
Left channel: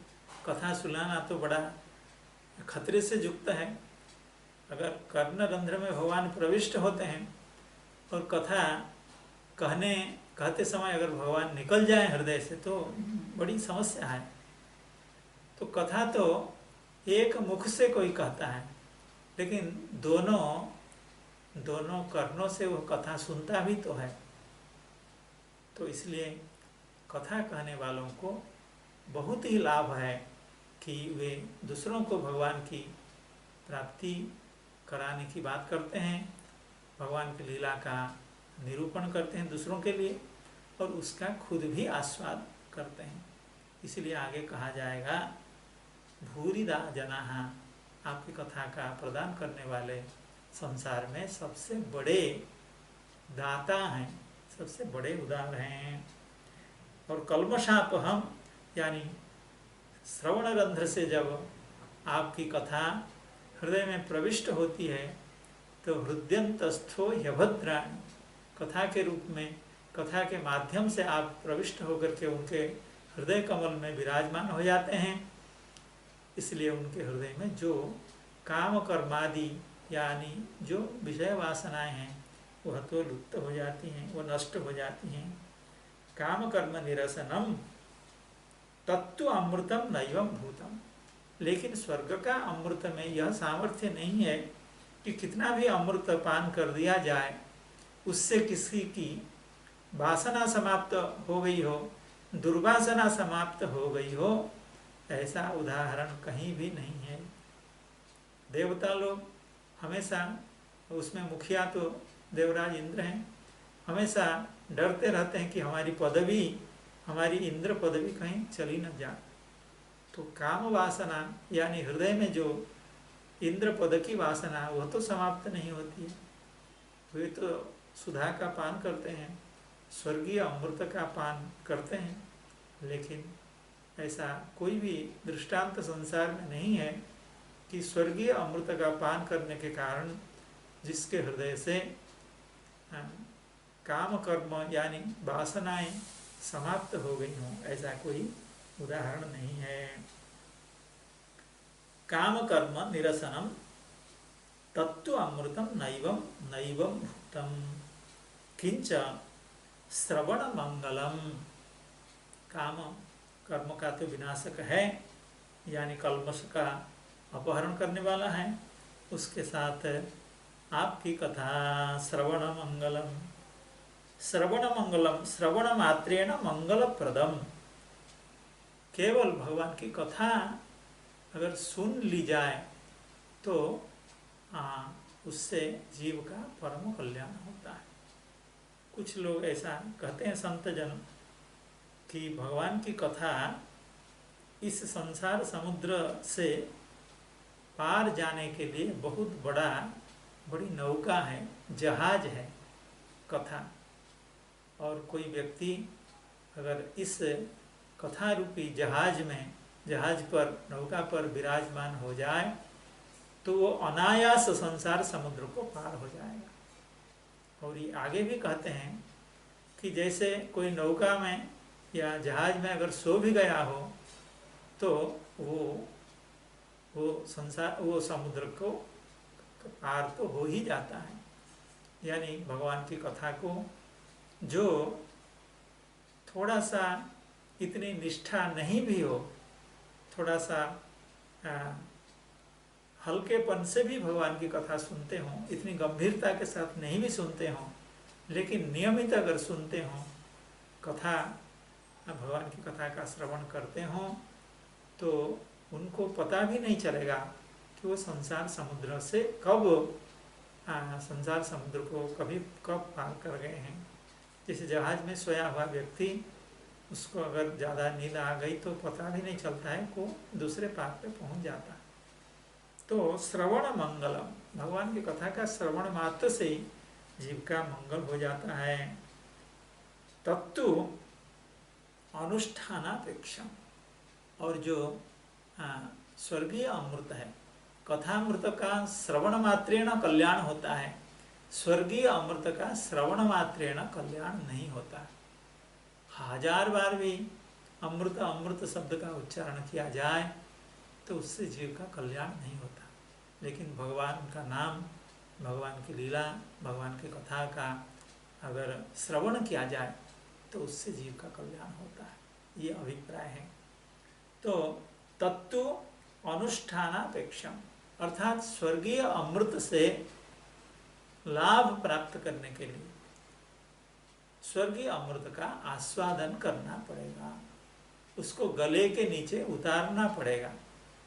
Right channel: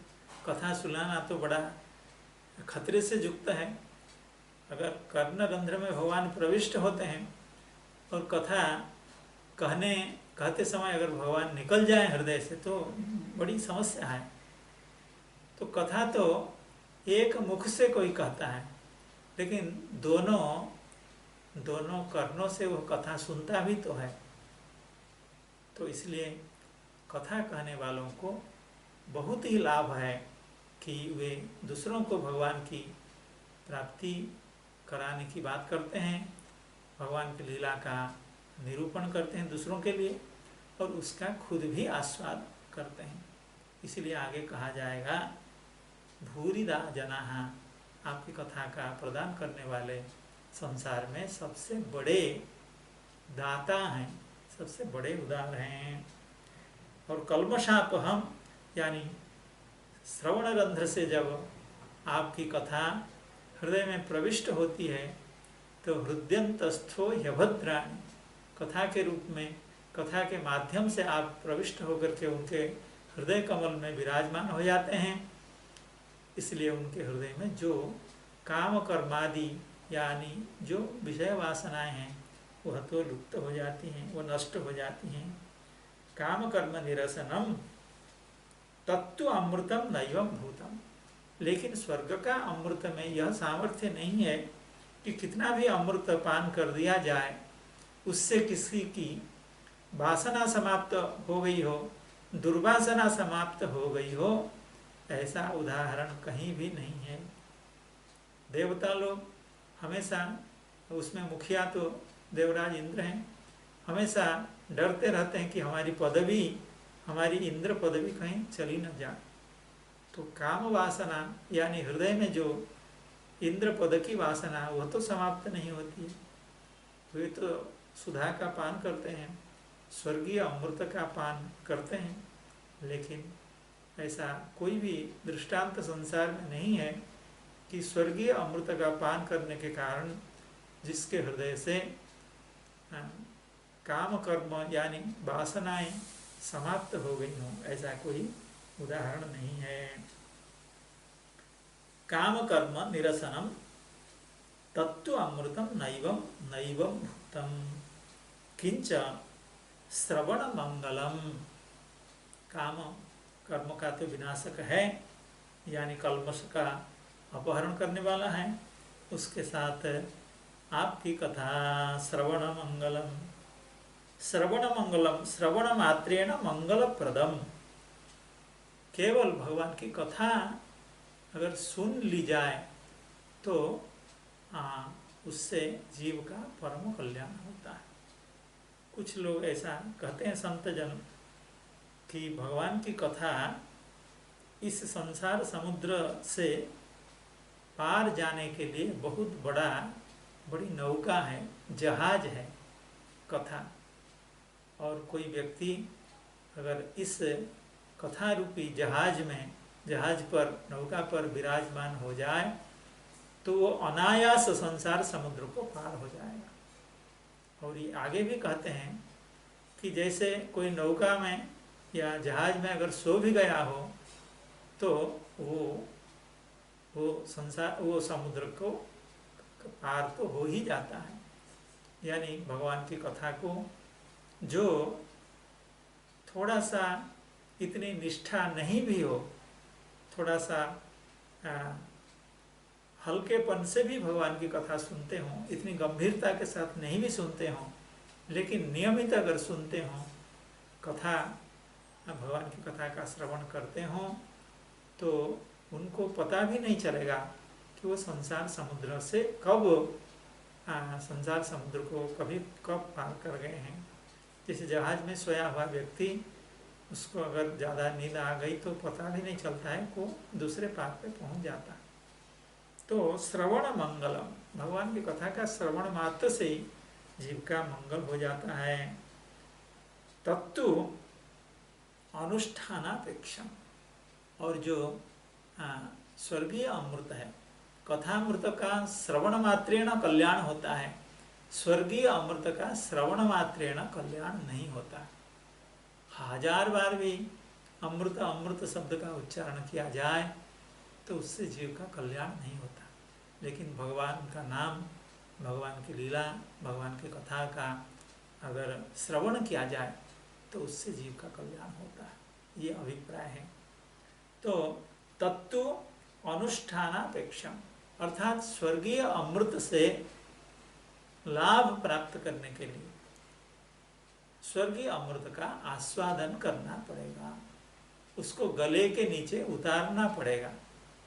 कथा सुनाना तो बड़ा खतरे से युक्त है। अगर कर्ण रंध्र में भगवान प्रविष्ट होते हैं और कथा कहते समय अगर भगवान निकल जाए हृदय से तो बड़ी समस्या है। तो कथा तो एक मुख से कोई कहता है, लेकिन दोनों कर्णों से वो कथा सुनता भी तो है। तो इसलिए कथा कहने वालों को बहुत ही लाभ है कि वे दूसरों को भगवान की प्राप्ति कराने की बात करते हैं, भगवान की लीला का निरूपण करते हैं दूसरों के लिए, और उसका खुद भी आस्वाद करते हैं। इसलिए आगे कहा जाएगा भूरिदा जनाः, आपकी कथा का प्रदान करने वाले संसार में सबसे बड़े दाता हैं, सबसे बड़े उदार हैं। और कल्मषापहम यानी श्रवण रंध्र से जब आपकी कथा हृदय में प्रविष्ट होती है तो हृदयंतस्थो ह्यभद्राणि, कथा के रूप में, कथा के माध्यम से आप प्रविष्ट होकर के उनके हृदय कमल में विराजमान हो जाते हैं। इसलिए उनके हृदय में जो काम कर्मादि यानी जो विषय वासनाएं हैं वह तो लुप्त हो जाती हैं, वो नष्ट हो जाती हैं। काम कर्म निरसनम तत्व अमृतम नैवम भूतम, लेकिन स्वर्ग का अमृत में यह सामर्थ्य नहीं है कि कितना भी अमृत पान कर दिया जाए उससे किसी की वासना समाप्त हो गई हो, दुर्वासना समाप्त हो गई हो, ऐसा उदाहरण कहीं भी नहीं है। देवता लोग हमेशा, उसमें मुखिया तो देवराज इंद्र हैं, हमेशा डरते रहते हैं कि हमारी पदवी, हमारी इंद्र पदवी कहीं चली न जाए। तो काम वासना यानी हृदय में जो इंद्र पद की वासना वह तो समाप्त नहीं होती है। वे तो सुधा का पान करते हैं, स्वर्गीय अमृत का पान करते हैं, लेकिन ऐसा कोई भी दृष्टांत संसार में नहीं है कि स्वर्गीय अमृत का पान करने के कारण जिसके हृदय से काम कर्म यानी वासनाएं समाप्त हो गई हों, ऐसा कोई उदाहरण नहीं है। काम कर्म निरसनम तत्व अमृतम नैवम नैवम भूतम किंच श्रवण मंगलम। काम कर्म का तो विनाशक है, यानी कल्मश का अपहरण करने वाला है। उसके साथ आपकी कथा श्रवण मंगलम, श्रवण मंगलम, श्रवण मात्रेण मंगलप्रदम। केवल भगवान की कथा अगर सुन ली जाए तो उससे जीव का परम कल्याण होता है। कुछ लोग ऐसा कहते हैं संत जन कि भगवान की कथा इस संसार समुद्र से पार जाने के लिए बहुत बड़ी नौका है, जहाज है कथा। और कोई व्यक्ति अगर इस कथा रूपी जहाज पर, नौका पर विराजमान हो जाए तो वो अनायास संसार समुद्र को पार हो जाएगा। और ये आगे भी कहते हैं कि जैसे कोई नौका में या जहाज में अगर सो भी गया हो तो वो समुद्र को पार तो हो ही जाता है। यानी भगवान की कथा को जो थोड़ा सा इतनी निष्ठा नहीं भी हो, थोड़ा सा हल्केपन से भी भगवान की कथा सुनते हों, इतनी गंभीरता के साथ नहीं भी सुनते हों, लेकिन नियमित अगर सुनते हों कथा, भगवान की कथा का श्रवण करते हों, तो उनको पता भी नहीं चलेगा कि वो संसार समुद्र से संसार समुद्र को कब पार कर गए हैं। जैसे जहाज में सोया हुआ व्यक्ति, उसको अगर ज़्यादा नींद आ गई तो पता भी नहीं चलता है, को दूसरे पार पे पहुंच जाता है। तो श्रवण मंगलम, भगवान की कथा का श्रवण मात्र से ही जीव का मंगल हो जाता है। तत्तु अनुष्ठानापेक्षम, और जो स्वर्गीय अमृत है, कथामृत का श्रवण मात्रेण कल्याण होता है, स्वर्गीय अमृत का श्रवण मात्रेण कल्याण नहीं होता। 1000 बार भी अमृत अमृत शब्द का उच्चारण किया जाए तो उससे जीव का कल्याण नहीं होता। लेकिन भगवान का नाम, भगवान की लीला, भगवान की कथा का अगर श्रवण किया जाए तो उससे जीव का कल्याण होता है, ये अभिप्राय है। तो तत्व अनुष्ठानापेक्षम, अर्थात स्वर्गीय अमृत से लाभ प्राप्त करने के लिए स्वर्गीय अमृत का आस्वादन करना पड़ेगा, उसको गले के नीचे उतारना पड़ेगा,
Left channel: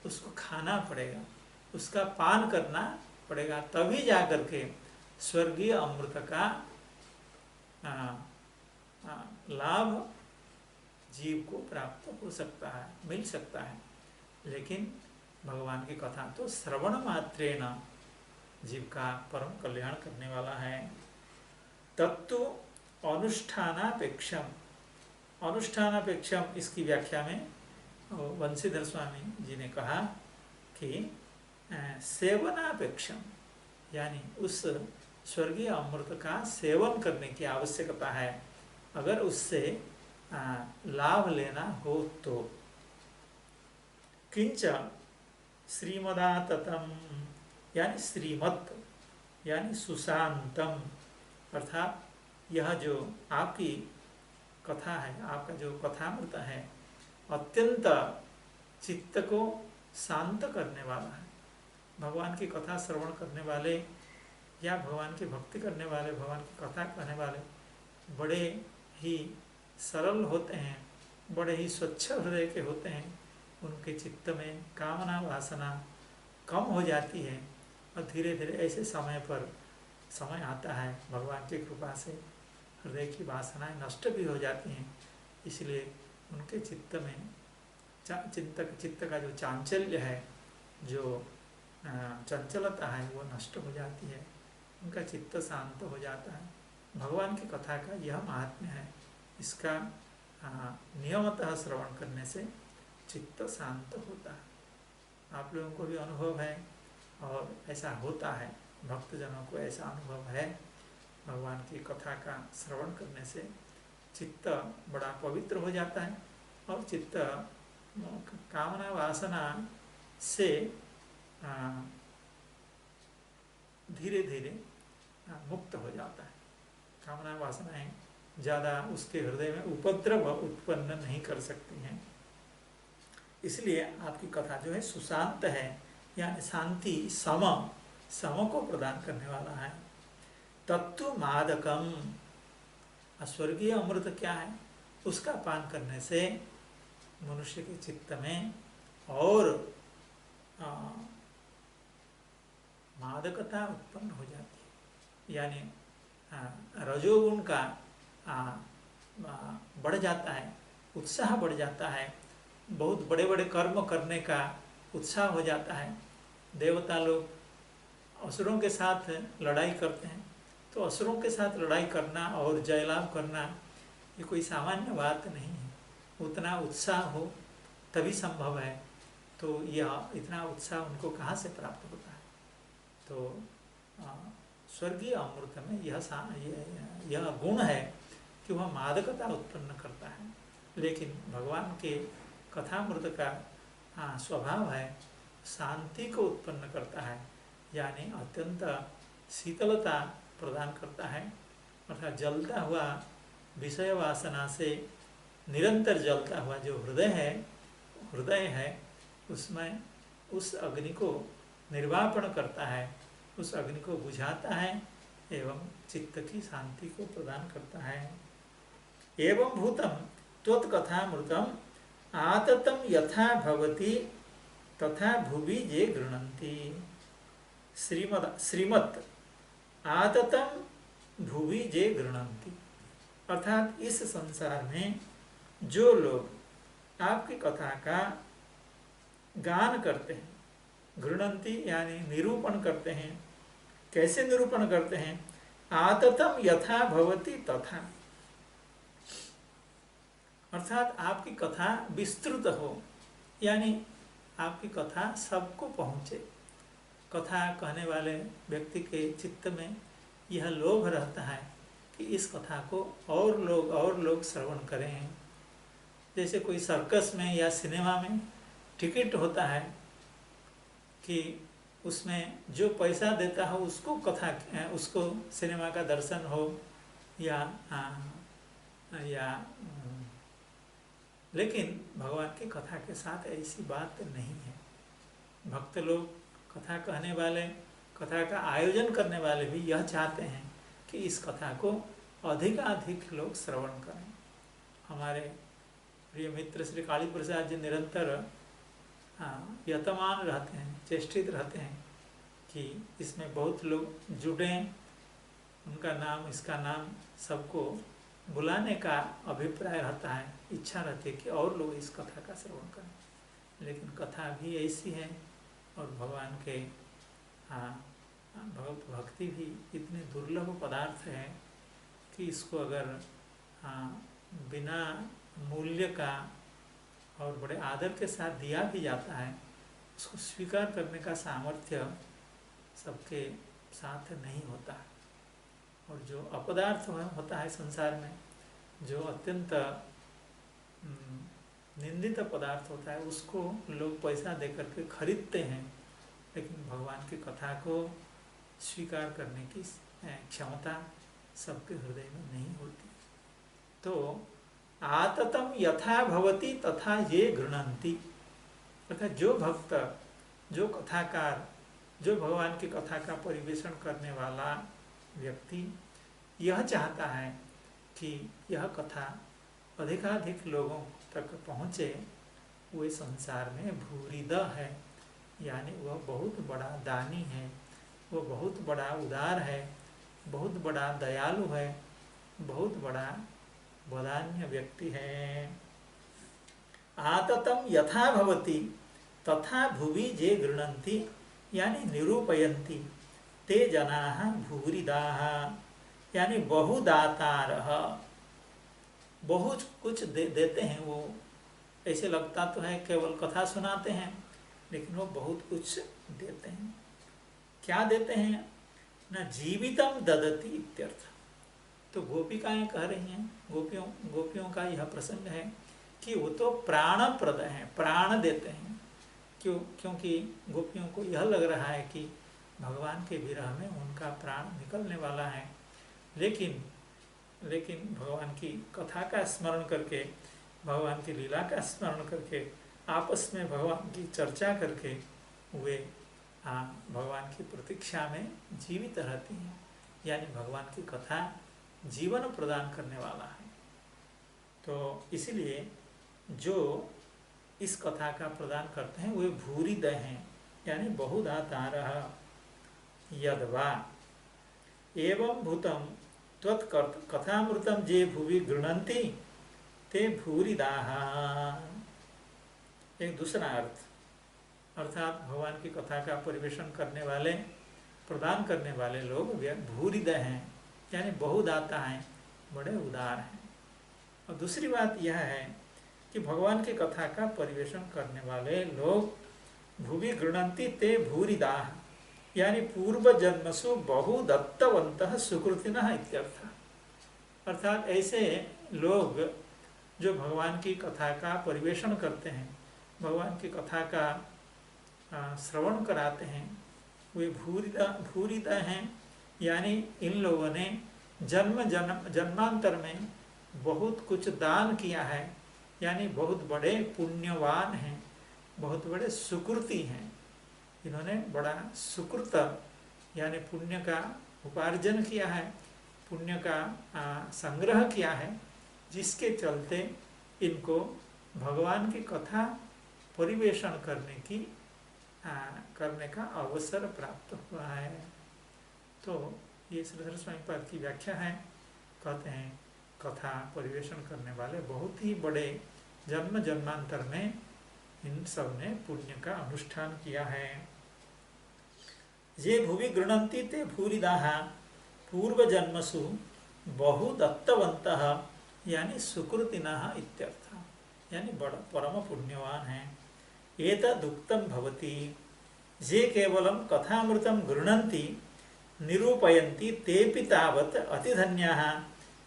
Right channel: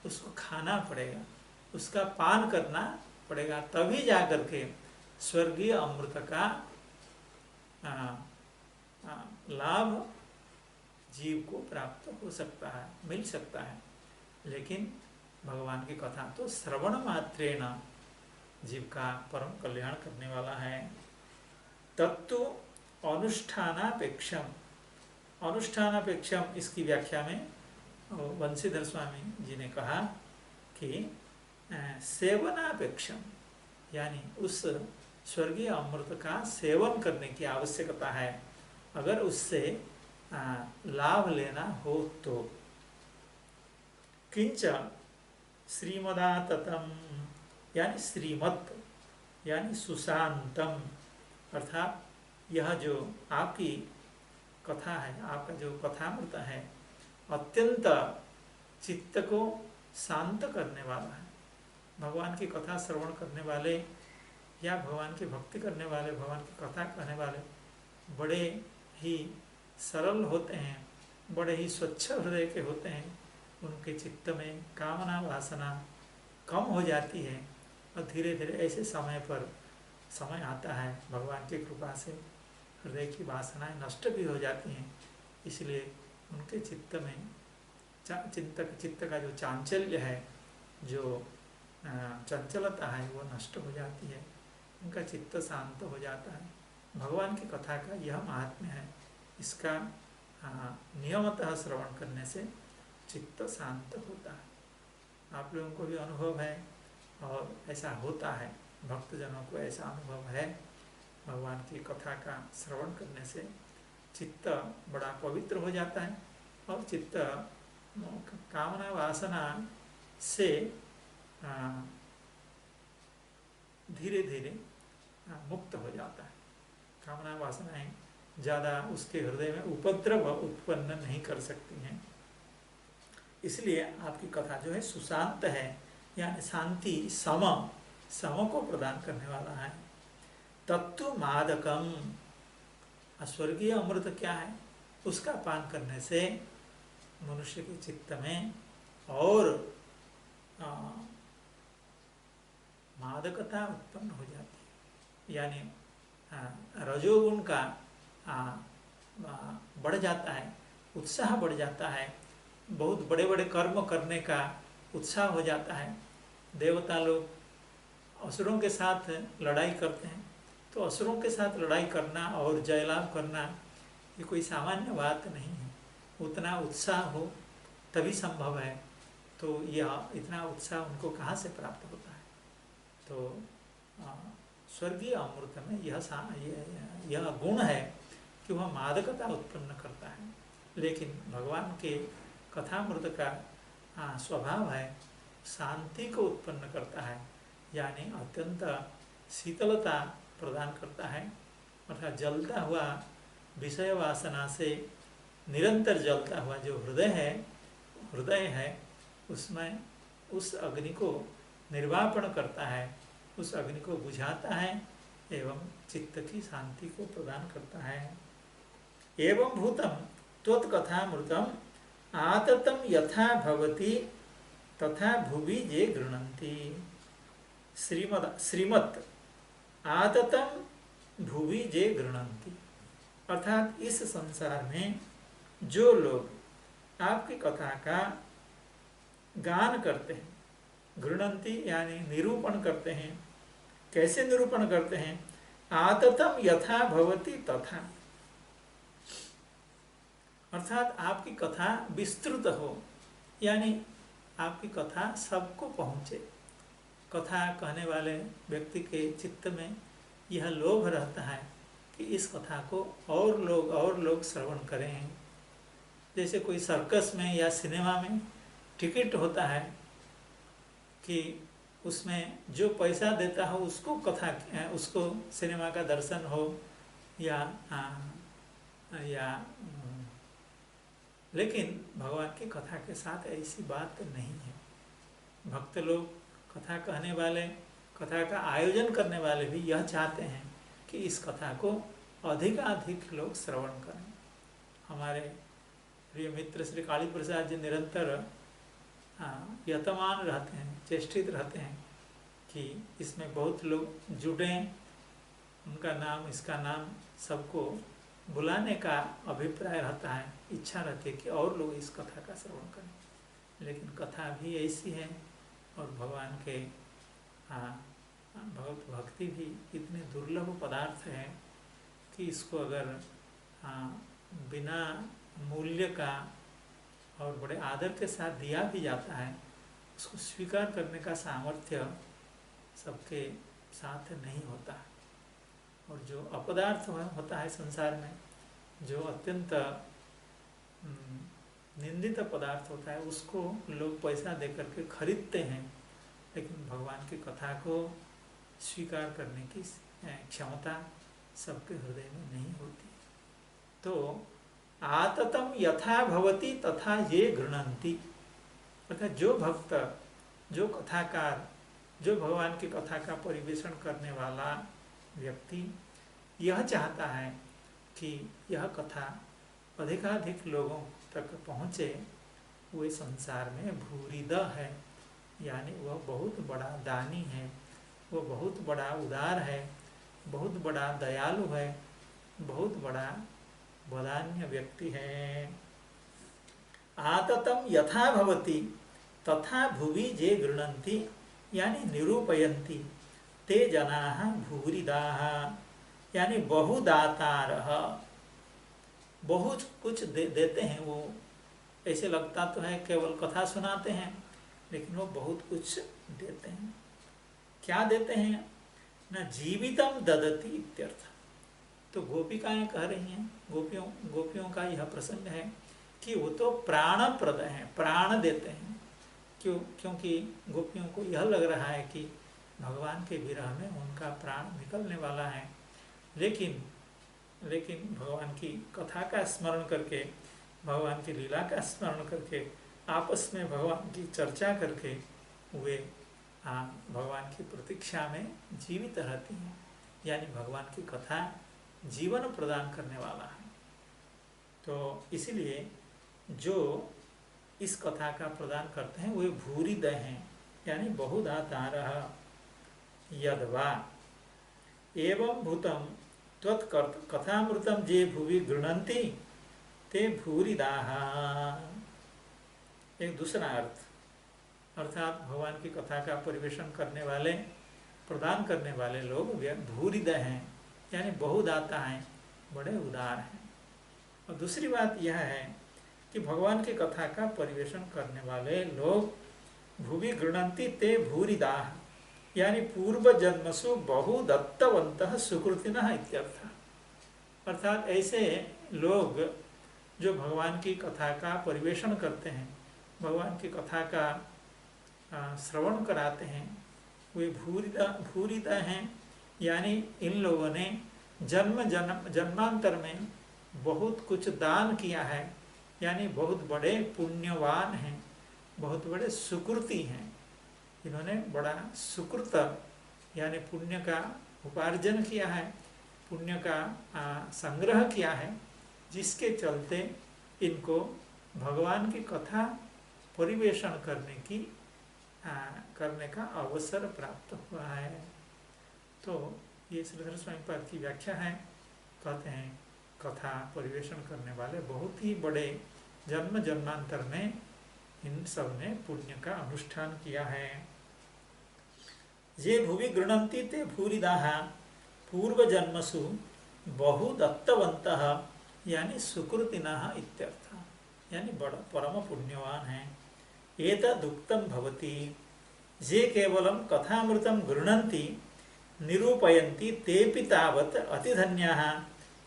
उसको खाना पड़ेगा, उसका पान करना पड़ेगा, तभी जाकर के स्वर्गीय अमृत का लाभ जीव को प्राप्त हो सकता है, मिल सकता है। लेकिन भगवान की कथा तो श्रवण मात्रेण जीव का परम कल्याण करने वाला है। तत्व अनुष्ठानापेक्षम, अनुष्ठानापेक्षम, इसकी व्याख्या में वंशीधर स्वामी जी ने कहा कि सेवनापेक्षम, यानी उस स्वर्गीय अमृत का सेवन करने की आवश्यकता है अगर उससे लाभ लेना हो तो। किंच श्रीमदाततम, यानी श्रीमत, यानी सुशांतम, अर्थात यह जो आपकी कथा है, आपका जो कथामृत है, अत्यंत चित्त को शांत करने वाला है। भगवान की कथा श्रवण करने वाले या भगवान की भक्ति करने वाले, भगवान की कथा कहने वाले बड़े ही सरल होते हैं, बड़े ही स्वच्छ हृदय के होते हैं। उनके चित्त में कामना वासना कम हो जाती है और धीरे धीरे ऐसे समय आता है भगवान की कृपा से हृदय की वासनाएं नष्ट भी हो जाती हैं। इसलिए उनके चित्त में चित्त का जो चांचल्य है, जो चंचलता है, वो नष्ट हो जाती है, उनका चित्त शांत हो जाता है। भगवान की कथा का यह महात्म्य है। इसका नियमतः श्रवण करने से चित्त शांत होता है। आप लोगों को भी अनुभव है और ऐसा होता है, भक्तजनों को ऐसा अनुभव है। भगवान की कथा का श्रवण करने से चित्त बड़ा पवित्र हो जाता है और चित्त कामना वासना से धीरे धीरे मुक्त हो जाता है। कामना वासनाएं ज़्यादा उसके हृदय में उपद्रव उत्पन्न नहीं कर सकती हैं। इसलिए आपकी कथा जो है सुशांत है, यानी शांति सम को प्रदान करने वाला है। तत्व मादकम, स्वर्गीय अमृत क्या है, उसका पान करने से मनुष्य के चित्त में और मादकता उत्पन्न हो जाती है, यानी रजोगुण का बढ़ जाता है, उत्साह बढ़ जाता है, बहुत बड़े बड़े कर्म करने का उत्साह हो जाता है। देवता लोग असुरों के साथ लड़ाई करते हैं, तो असुरों के साथ लड़ाई करना और जयलाभ करना ये कोई सामान्य बात नहीं है। उतना उत्साह हो तभी संभव है, तो यह इतना उत्साह उनको कहाँ से प्राप्त होता है। तो स्वर्गीय अमृत में यह गुण है कि वह मादकता उत्पन्न करता है। लेकिन भगवान के कथामृत का स्वभाव है शांति को उत्पन्न करता है, यानी अत्यंत शीतलता प्रदान करता है। अर्थात जलता हुआ विषय वासना से निरंतर जलता हुआ जो हृदय है उसमें उस अग्नि को निर्वापण करता है, उस अग्नि को बुझाता है एवं चित्त की शांति को प्रदान करता है। एवं भूतम त्वत्कथामृतम आततम यथा भवति तथा भुवि ये गृह्णन्ति। श्रीमत् आततम भुवि ये गृह्णन्ति, अर्थात इस संसार में जो लोग आपकी कथा का गान करते हैं, गृह्णन्ति यानी निरूपण करते हैं। कैसे निरूपण करते हैं? आततम यथा भवति तथा, अर्थात आपकी कथा विस्तृत हो, यानी आपकी कथा सबको पहुँचे। कथा कहने वाले व्यक्ति के चित्त में यह लोभ रहता है कि इस कथा को और लोग श्रवण करें। जैसे कोई सर्कस में या सिनेमा में टिकट होता है कि उसमें जो पैसा देता हो उसको सिनेमा का दर्शन हो या लेकिन भगवान की कथा के साथ ऐसी बात नहीं है। भक्त लोग, कथा कहने वाले, कथा का आयोजन करने वाले भी यह चाहते हैं कि इस कथा को अधिकाधिक लोग श्रवण करें। हमारे प्रिय मित्र श्री काली प्रसाद जी निरंतर यतमान रहते हैं, चेष्टित रहते हैं कि इसमें बहुत लोग जुड़ें, उनका नाम, इसका नाम सबको बुलाने का अभिप्राय रहता है, इच्छा रहती है कि और लोग इस कथा का श्रवण करें। लेकिन कथा भी ऐसी है और भगवान के भक्ति भी इतने दुर्लभ पदार्थ है कि इसको अगर बिना मूल्य का और बड़े आदर के साथ दिया भी जाता है, उसको स्वीकार करने का सामर्थ्य सबके साथ नहीं होता। और जो अपदार्थ होता है संसार में, जो अत्यंत निंदित पदार्थ होता है, उसको लोग पैसा देकर के खरीदते हैं, लेकिन भगवान की कथा को स्वीकार करने की क्षमता सबके हृदय में नहीं होती। तो आततम यथा भवति तथा ये गृह्णन्ति, अर्थात जो भक्त, जो कथाकार, जो भगवान की कथा का परिवेषण करने वाला व्यक्ति यह चाहता है कि यह कथा अधिकाधिक लोगों तक पहुँचे, वे संसार में भूरिद है, यानी वह बहुत बड़ा दानी है, वह बहुत बड़ा उदार है, बहुत बड़ा दयालु है, बहुत बड़ा वदान्य व्यक्ति है। आततम यथा भवति तथा भुवि जे गृह्णन्ति, यानी निरूपयन्ति ते जनाः भूरिदाः, यानी बहुदातारः, बहुत कुछ देते हैं वो। ऐसे लगता तो है केवल कथा सुनाते हैं, लेकिन वो बहुत कुछ देते हैं। क्या देते हैं? न जीवितम ददति इत्यर्थ, तो गोपिकाएं कह रही हैं, गोपियों का यह प्रसंग है कि वो तो प्राणप्रद हैं, प्राण देते हैं। क्योंकि गोपियों को यह लग रहा है कि भगवान के विरह में उनका प्राण निकलने वाला है, लेकिन भगवान की कथा का स्मरण करके, भगवान की लीला का स्मरण करके, आपस में भगवान की चर्चा करके वे भगवान की प्रतीक्षा में जीवित रहती हैं। यानी भगवान की कथा जीवन प्रदान करने वाला है। तो इसलिए जो इस कथा का प्रदान करते हैं वे भूरिदः हैं, यानी बहुधातारः। यद्वा एवं भूतम त्वत्कथामृतं जे भुवि गृह्णन्ति ते भूरिदाः। एक दूसरा अर्थ, अर्थात भगवान की कथा का परिवेशन करने वाले, प्रदान करने वाले लोग भूरिदः हैं, यानी बहुदाता हैं, बड़े उदार हैं। और दूसरी बात यह है कि भगवान की कथा का परिवेशन करने वाले लोग भुवि गृह्णन्ति ते भूरिदाः, यानी पूर्व जन्मसु बहुदत्तवन्तः सुकृतिनः इत्यर्थ। अर्थात ऐसे लोग जो भगवान की कथा का परिवेशन करते हैं, भगवान की कथा का श्रवण कराते हैं, वे भूरिदा हैं। यानी इन लोगों ने जन्मांतर में बहुत कुछ दान किया है, यानी बहुत बड़े पुण्यवान हैं, बहुत बड़े सुकृति हैं। इन्होंने बड़ा सुकृत यानी पुण्य का उपार्जन किया है, पुण्य का संग्रह किया है, जिसके चलते इनको भगवान की कथा परिवेशन करने का अवसर प्राप्त हुआ है। तो ये श्रीधर स्वामी पाद की व्याख्या है। कहते हैं कथा परिवेशन करने वाले बहुत ही बड़े जन्म जन्मांतर में इन सब ने पुण्य का अनुष्ठान किया है। ये भुवि गृह्णन्ति ते भूरिदाः पूर्व जन्मसु बहुदत्तवन्तः, यानी सुकृतिनः इत्यर्थ, यानी बड़ा परम पुण्यवान है। एतदुक्तं भवति, ये केवलं कथामृतं गृह्णन्ति निरूपयन्ति तेऽपि तावत् अतिधन्याः,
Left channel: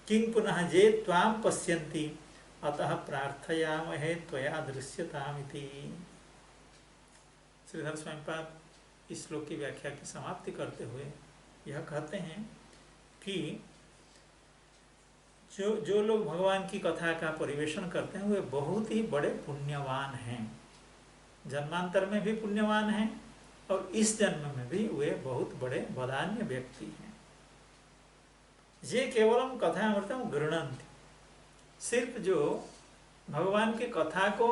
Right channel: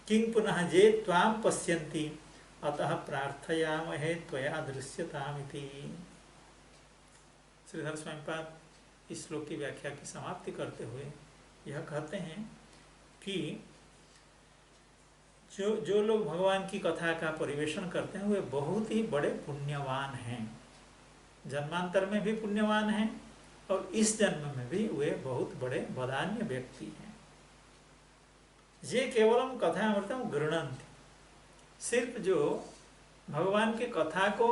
किं पुनः ये त्वां पश्यन्ति अतः प्रार्थयामहे त्वया दृश्यतामिति। श्रीधर स्वामी पाद इस श्लोक की व्याख्या की समाप्ति करते हुए यह कहते हैं कि जो लोग भगवान की कथा का परिवेशन करते हैं वे बहुत ही बड़े पुण्यवान हैं, जन्मांतर में भी पुण्यवान हैं और इस जन्म में भी वे बहुत बड़े वदान्य व्यक्ति हैं। ये केवलम कथामृतम गृह्णन्ति, सिर्फ जो भगवान की कथा को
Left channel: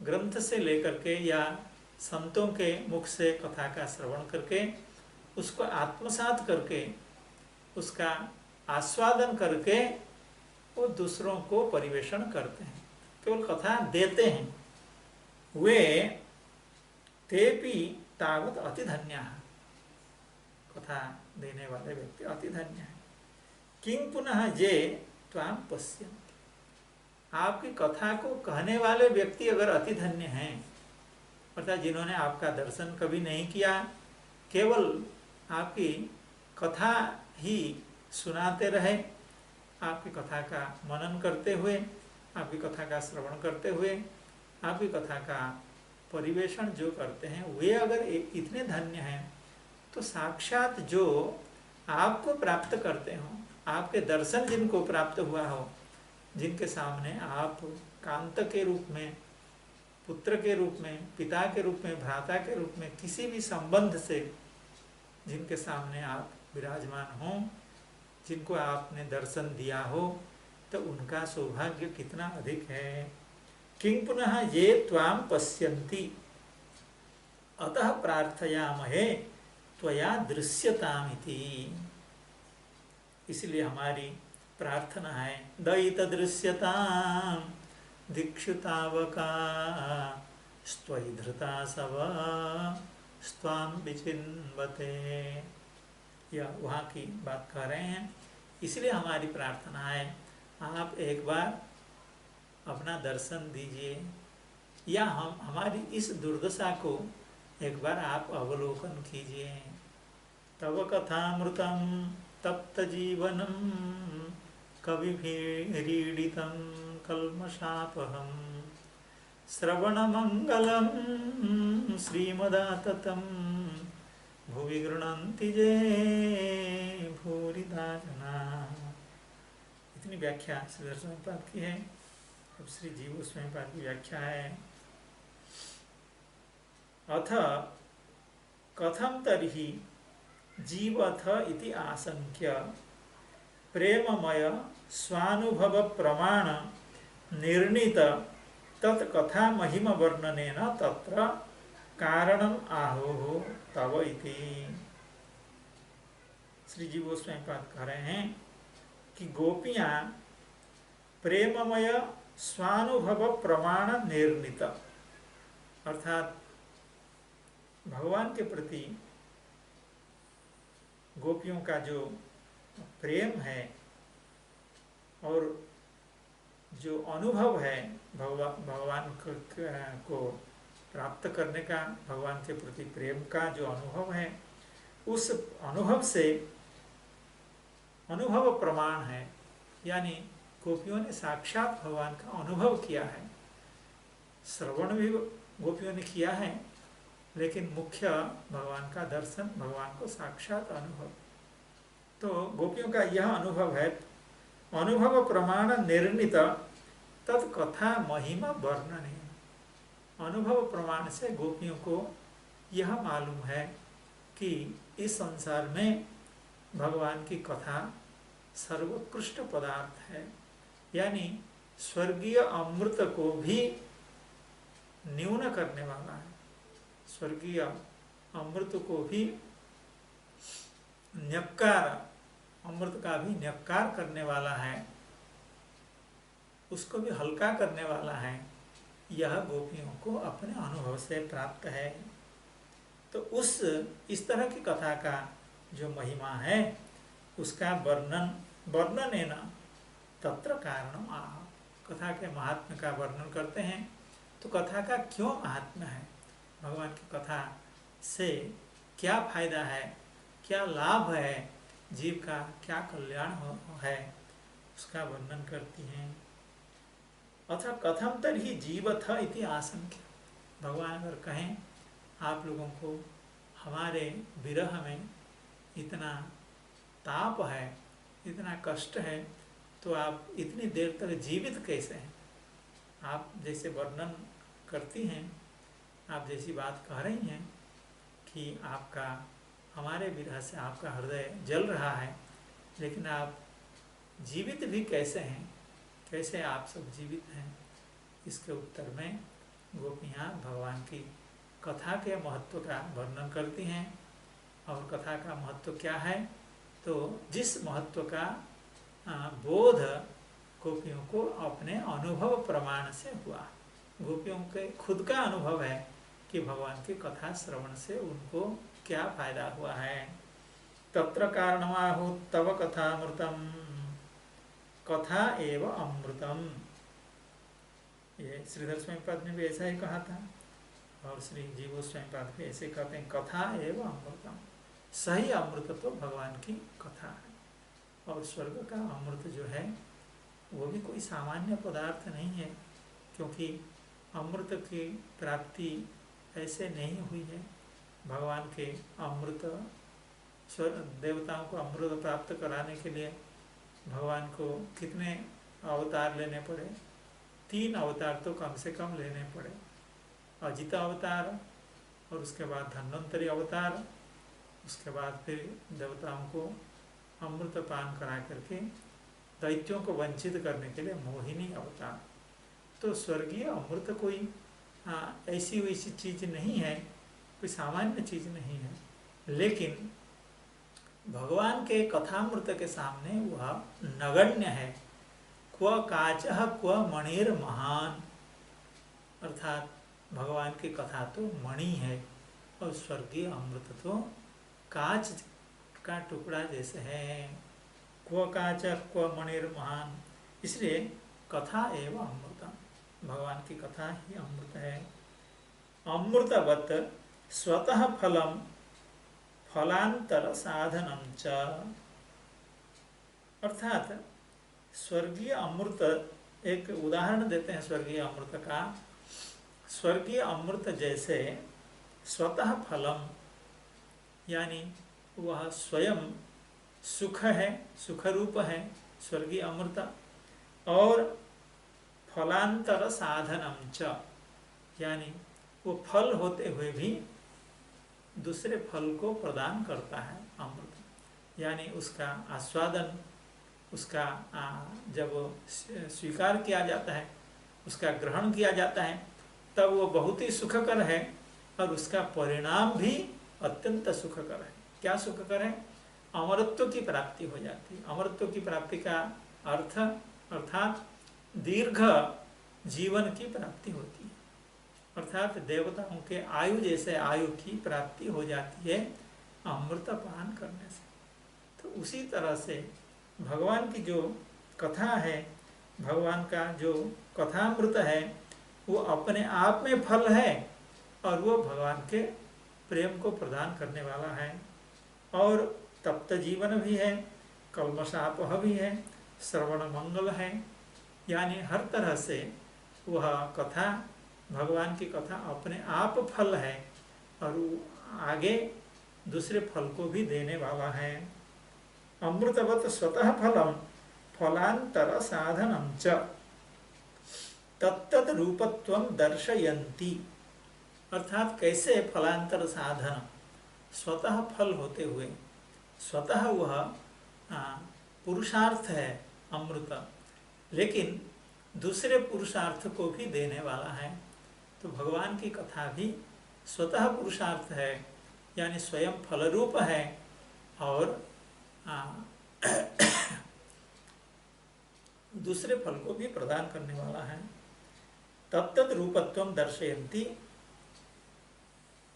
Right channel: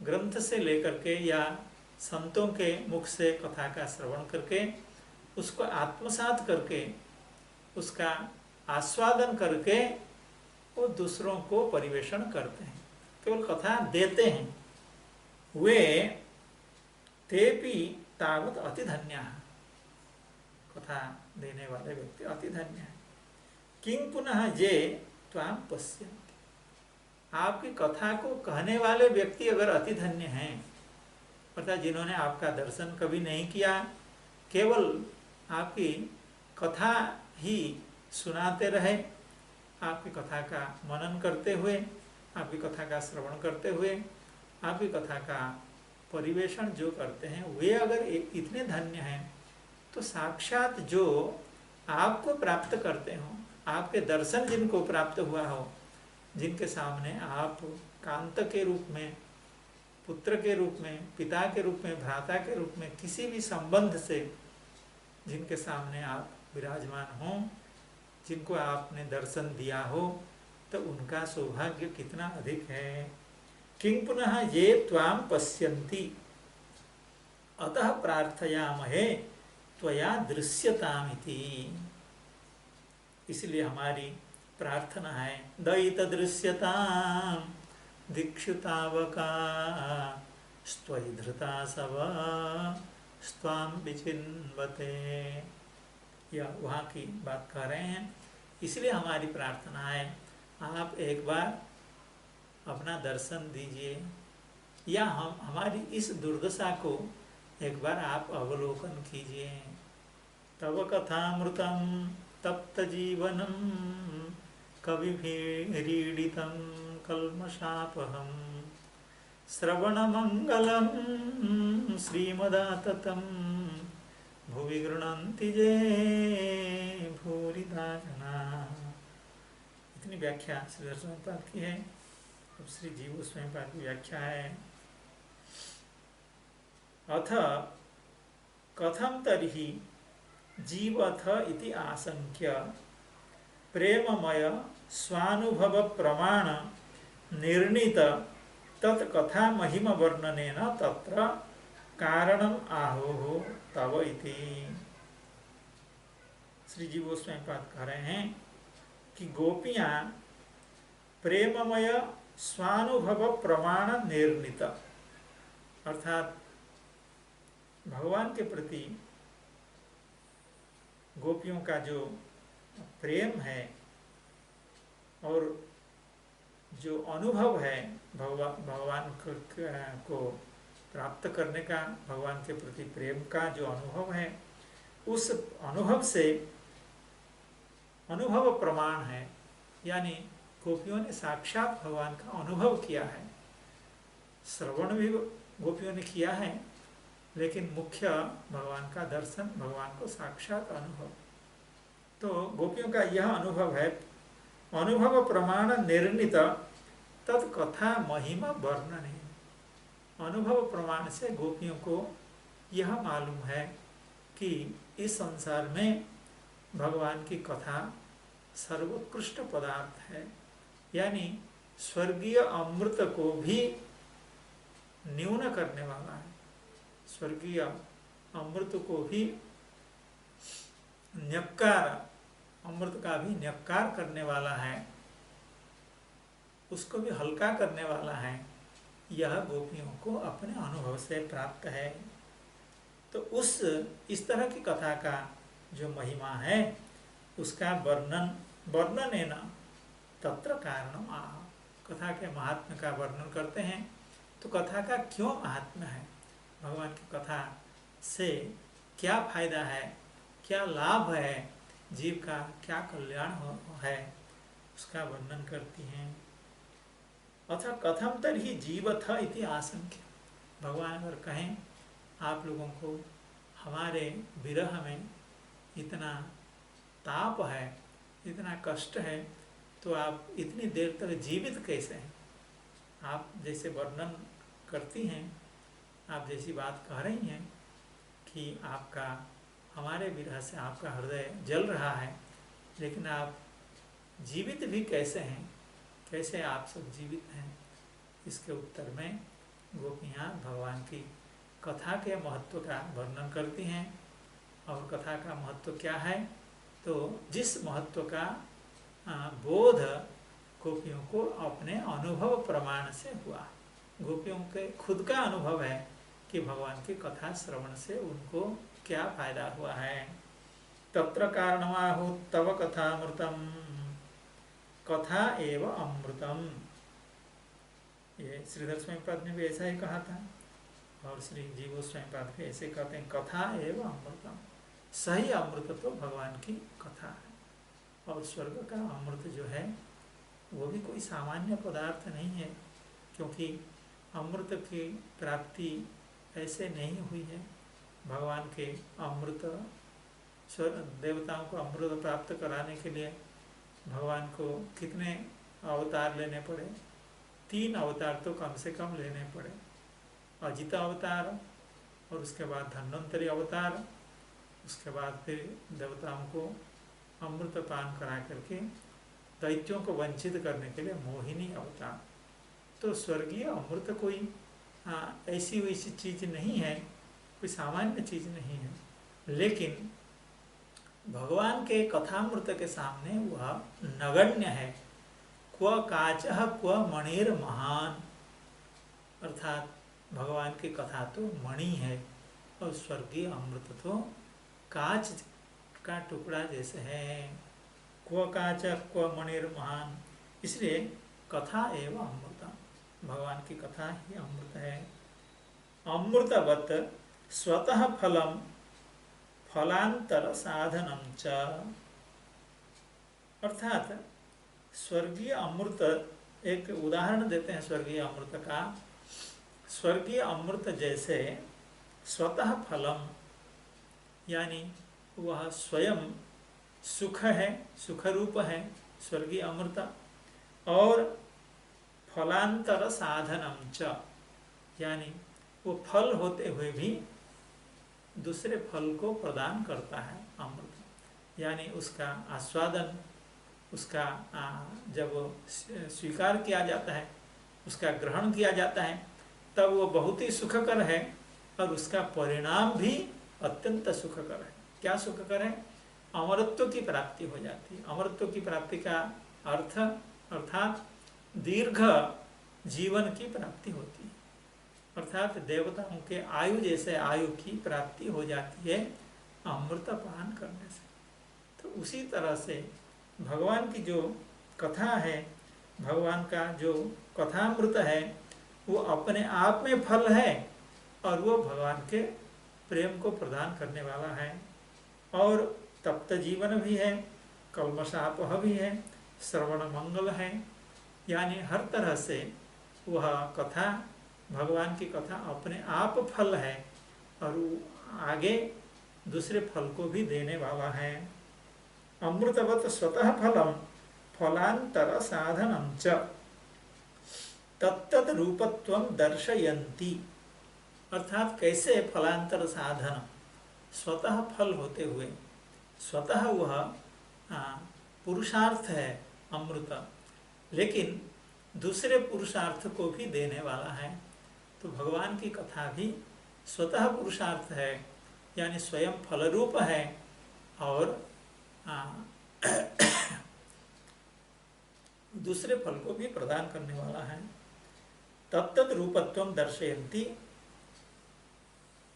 ग्रंथ से लेकर के या संतों के मुख से कथा का श्रवण करके उसको आत्मसात करके उसका आस्वादन करके वो दूसरों को परिवेशन करते हैं, केवल कथा देते हैं, वे तेपि तावत् अतिधन्याः, कथा देने वाले व्यक्ति अतिधन्य हैं। किं पुनः ये त्वां पश्यन्ति, आपकी कथा को कहने वाले व्यक्ति अगर अतिधन्य हैं, अर्थात जिन्होंने आपका दर्शन कभी नहीं किया, केवल आपकी कथा ही सुनाते रहे, आपकी कथा का मनन करते हुए, आपकी कथा का श्रवण करते हुए, आपकी कथा का परिवेशन जो करते हैं, वे अगर इतने धन्य हैं तो साक्षात जो आपको प्राप्त करते हो, आपके दर्शन जिनको प्राप्त हुआ हो, जिनके सामने आप कांत के रूप में, पुत्र के रूप में, पिता के रूप में, भ्राता के रूप में, किसी भी संबंध से जिनके सामने आप विराजमान हो, जिनको आपने दर्शन दिया हो, तो उनका सौभाग्य कितना अधिक है। किं पुनः ये त्वां पश्यन्ति अतः प्रार्थयामहे त्वया दृश्यतामिति। इसलिए हमारी प्रार्थना है दयित दृश्यतां दीक्षुतावका स्त्वयि धृता सव स्वां विचिन्वते। यह वहाँ की बात कह रहे हैं। इसलिए हमारी प्रार्थना है आप एक बार अपना दर्शन दीजिए, या हमारी इस दुर्दशा को एक बार आप अवलोकन कीजिए। तव कथामृतम तप्तजीवनं कविभिरीडितं कल्मषापहं श्रवणमंगलं श्रीमदाततं भुवि गृह्णन्ति ये भूरिदा जना। इतनी व्याख्या श्रीधर स्वामीपाद की है। अब श्री जीव स्वामीपाद की व्याख्या है। अथ कथम तर्हि जीवथ इति आशंक्य प्रेममय स्वानुभव प्रमाण निर्णीत तत्कथा महिमा वर्णनेन तत्र कारणम आहो तव इति। श्री जी गोस्वामीपाद कह रहे हैं कि गोपियां प्रेममय स्वानुभव प्रमाण निर्णीत अर्थात भगवान के प्रति गोपियों का जो प्रेम है और जो अनुभव है भगवान को प्राप्त करने का, भगवान के प्रति प्रेम का जो अनुभव है, उस अनुभव से अनुभव प्रमाण है, यानी गोपियों ने साक्षात भगवान का अनुभव किया है। श्रवण भी गोपियों ने किया है, लेकिन मुख्य भगवान का दर्शन, भगवान को साक्षात अनुभव। तो गोपियों का यह अनुभव है। अनुभव प्रमाण निर्णीत तत्कथा महिमा वर्णने। अनुभव प्रमाण से गोपियों को यह मालूम है कि इस संसार में भगवान की कथा सर्वोत्कृष्ट पदार्थ है, यानी स्वर्गीय अमृत को भी न्यून करने वाला है, स्वर्गीय अमृत को भी न्यक्कार, अमृत का भी न्यक्कार करने वाला है, उसको भी हल्का करने वाला है। यह गोपियों को अपने अनुभव से प्राप्त है। तो इस तरह की कथा का जो महिमा है उसका वर्णन तत्र कारणम आह। कथा के महात्म्य का वर्णन करते हैं। तो कथा का क्यों महात्म्य है, भगवान की कथा से क्या फायदा है, क्या लाभ है, जीव का क्या कल्याण है, उसका वर्णन करती हैं। अथा कथम तर्हि जीवथ इति आशंक्य। भगवान अगर कहें आप लोगों को हमारे विरह में इतना ताप है, इतना कष्ट है, तो आप इतनी देर तक जीवित कैसे हैं। आप जैसे वर्णन करती हैं, आप जैसी बात कह रही हैं कि आपका हमारे विरह से आपका हृदय जल रहा है, लेकिन आप जीवित भी कैसे हैं, कैसे आप सब जीवित हैं। इसके उत्तर में गोपियाँ भगवान की कथा के महत्व का वर्णन करती हैं। और कथा का महत्व क्या है, तो जिस महत्व का बोध गोपियों को अपने अनुभव प्रमाण से हुआ। गोपियों के खुद का अनुभव है कि भगवान की कथा श्रवण से उनको क्या फायदा हुआ है। तत्र कारणमाहु तव कथामृतम, कथा एव अमृतम। ये श्रीधर स्वामीपाद ने भी ऐसा ही कहा था, और श्री जीव स्वामीपाद भी ऐसे कहते हैं, कथा एव अमृतम। सही अमृत तो भगवान की कथा है। और स्वर्ग का अमृत जो है वो भी कोई सामान्य पदार्थ नहीं है, क्योंकि अमृत की प्राप्ति ऐसे नहीं हुई है। भगवान के अमृत, देवताओं को अमृत प्राप्त कराने के लिए भगवान को कितने अवतार लेने पड़े, 3 अवतार तो कम से कम लेने पड़े। अजित अवतार, और उसके बाद धन्वंतरी अवतार, उसके बाद फिर देवताओं को अमृत पान करा करके दैत्यों को वंचित करने के लिए मोहिनी अवतार। तो स्वर्गीय अमृत कोई ऐसी वैसी चीज़ नहीं है, कोई सामान्य चीज़ नहीं है। लेकिन भगवान के कथामृत के सामने वह नगण्य है। क्व काचः क्व मणिर महान, अर्थात भगवान की कथा तो मणि है और स्वर्गीय अमृत तो कांच का टुकड़ा जैसे है। क्व काच क्व मणिर महान, इसलिए कथा एवं अमृतम, भगवान की कथा ही अमृत है। अमृतवत स्वतः फलम फलांतर साधनम च अर्थात स्वर्गीय अमृत, एक उदाहरण देते हैं स्वर्गीय अमृत का। स्वर्गीय अमृत जैसे स्वतः फलम, यानी वह स्वयं सुख है, सुख रूप है स्वर्गीय अमृत, और फलांतर साधनम च, यानी वो फल होते हुए भी दूसरे फल को प्रदान करता है अमृत। यानी उसका आस्वादन, उसका जब स्वीकार किया जाता है, उसका ग्रहण किया जाता है, तब वो बहुत ही सुखकर है और उसका परिणाम भी अत्यंत सुखकर है। क्या सुखकर है? अमरत्व की प्राप्ति हो जाती है। अमरत्व की प्राप्ति का अर्थ अर्थात दीर्घ जीवन की प्राप्ति होती है, अर्थात देवताओं के आयु जैसे आयु की प्राप्ति हो जाती है अमृत पान करने से। तो उसी तरह से भगवान की जो कथा है, भगवान का जो कथामृत है, वो अपने आप में फल है और वो भगवान के प्रेम को प्रदान करने वाला है, और तप्त जीवन भी है, कल्मषापह भी है, श्रवण मंगल है। यानी हर तरह से वह कथा, भगवान की कथा अपने आप फल है और वो आगे दूसरे फल को भी देने वाला है। अमृतवत स्वतः फलम फलांतर साधनम च तत्तद रूपत्वं दर्शयन्ति, अर्थात कैसे फलांतर साधन, स्वतः फल होते हुए, स्वतः वह पुरुषार्थ है अमृत, लेकिन दूसरे पुरुषार्थ को भी देने वाला है। तो भगवान की कथा भी स्वतः पुरुषार्थ है, यानी स्वयं फल रूप है और दूसरे फल को भी प्रदान करने वाला है। तत्तद रूपत्वं दर्शयन्ति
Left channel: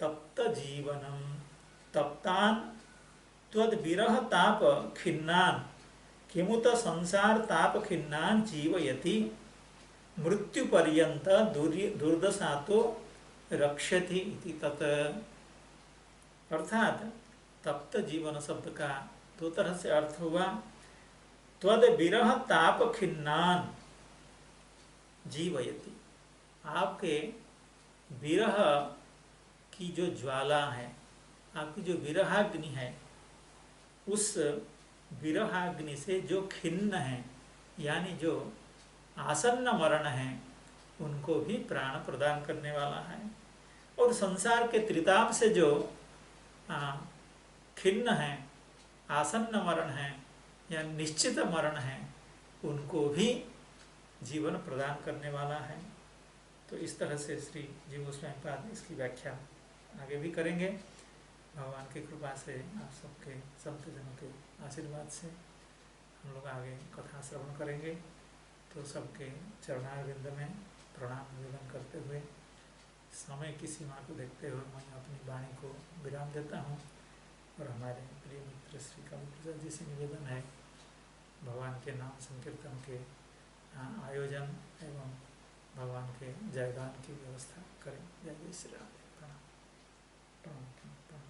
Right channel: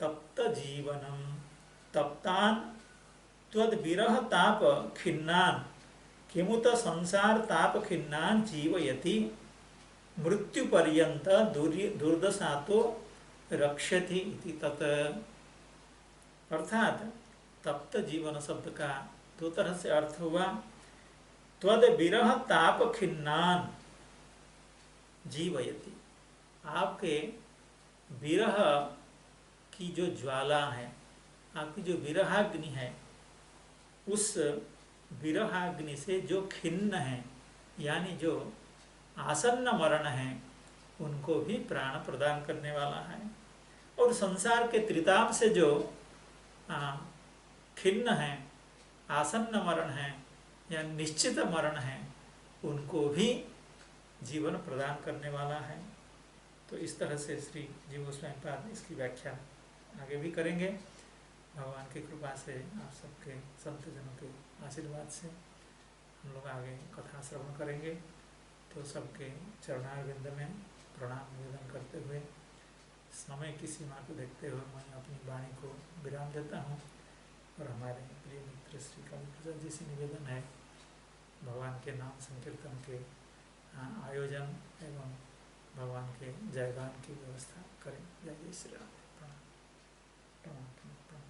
तप्त जीवनम तप्तान त्वद विरह ताप खिन्नान किमुत संसार ताप खिन्नान जीवयति मृत्यु पर्यंत दुर्दशातो रक्षति इति तत्। अर्थात तप्त जीवन शब्द का दो तरह से अर्थ हुआ। त्वद विरह ताप खिन्नान जीवयति, आपके विरह की जो ज्वाला है, आपकी जो विरहाग्नि है, उस विरहाग्नि से जो खिन्न है, यानी जो आसन्न मरण है, उनको भी प्राण प्रदान करने वाला है। और संसार के त्रिताप से जो खिन्न है, आसन्न मरण है या निश्चित मरण है, उनको भी जीवन प्रदान करने वाला है। तो इस तरह से श्री जीव गोस्वामी पाद इसकी व्याख्या आगे भी करेंगे। भगवान की कृपा से, आप सबके संत जनों के आशीर्वाद से हम लोग आगे कथा श्रवण करेंगे। तो सबके चरणारविंद में प्रणाम निवेदन करते हुए, समय की सीमा को देखते हुए मैं अपनी वाणी को विराम देता हूँ और हमारे प्रिय मित्र श्री काली प्रसाद जी से निवेदन है, भगवान के नाम संकीर्तन के आयोजन एवं भगवान के जयगान की व्यवस्था करें। जय जय श्री राधे। प्रणाम प्रणाम प्रणाम।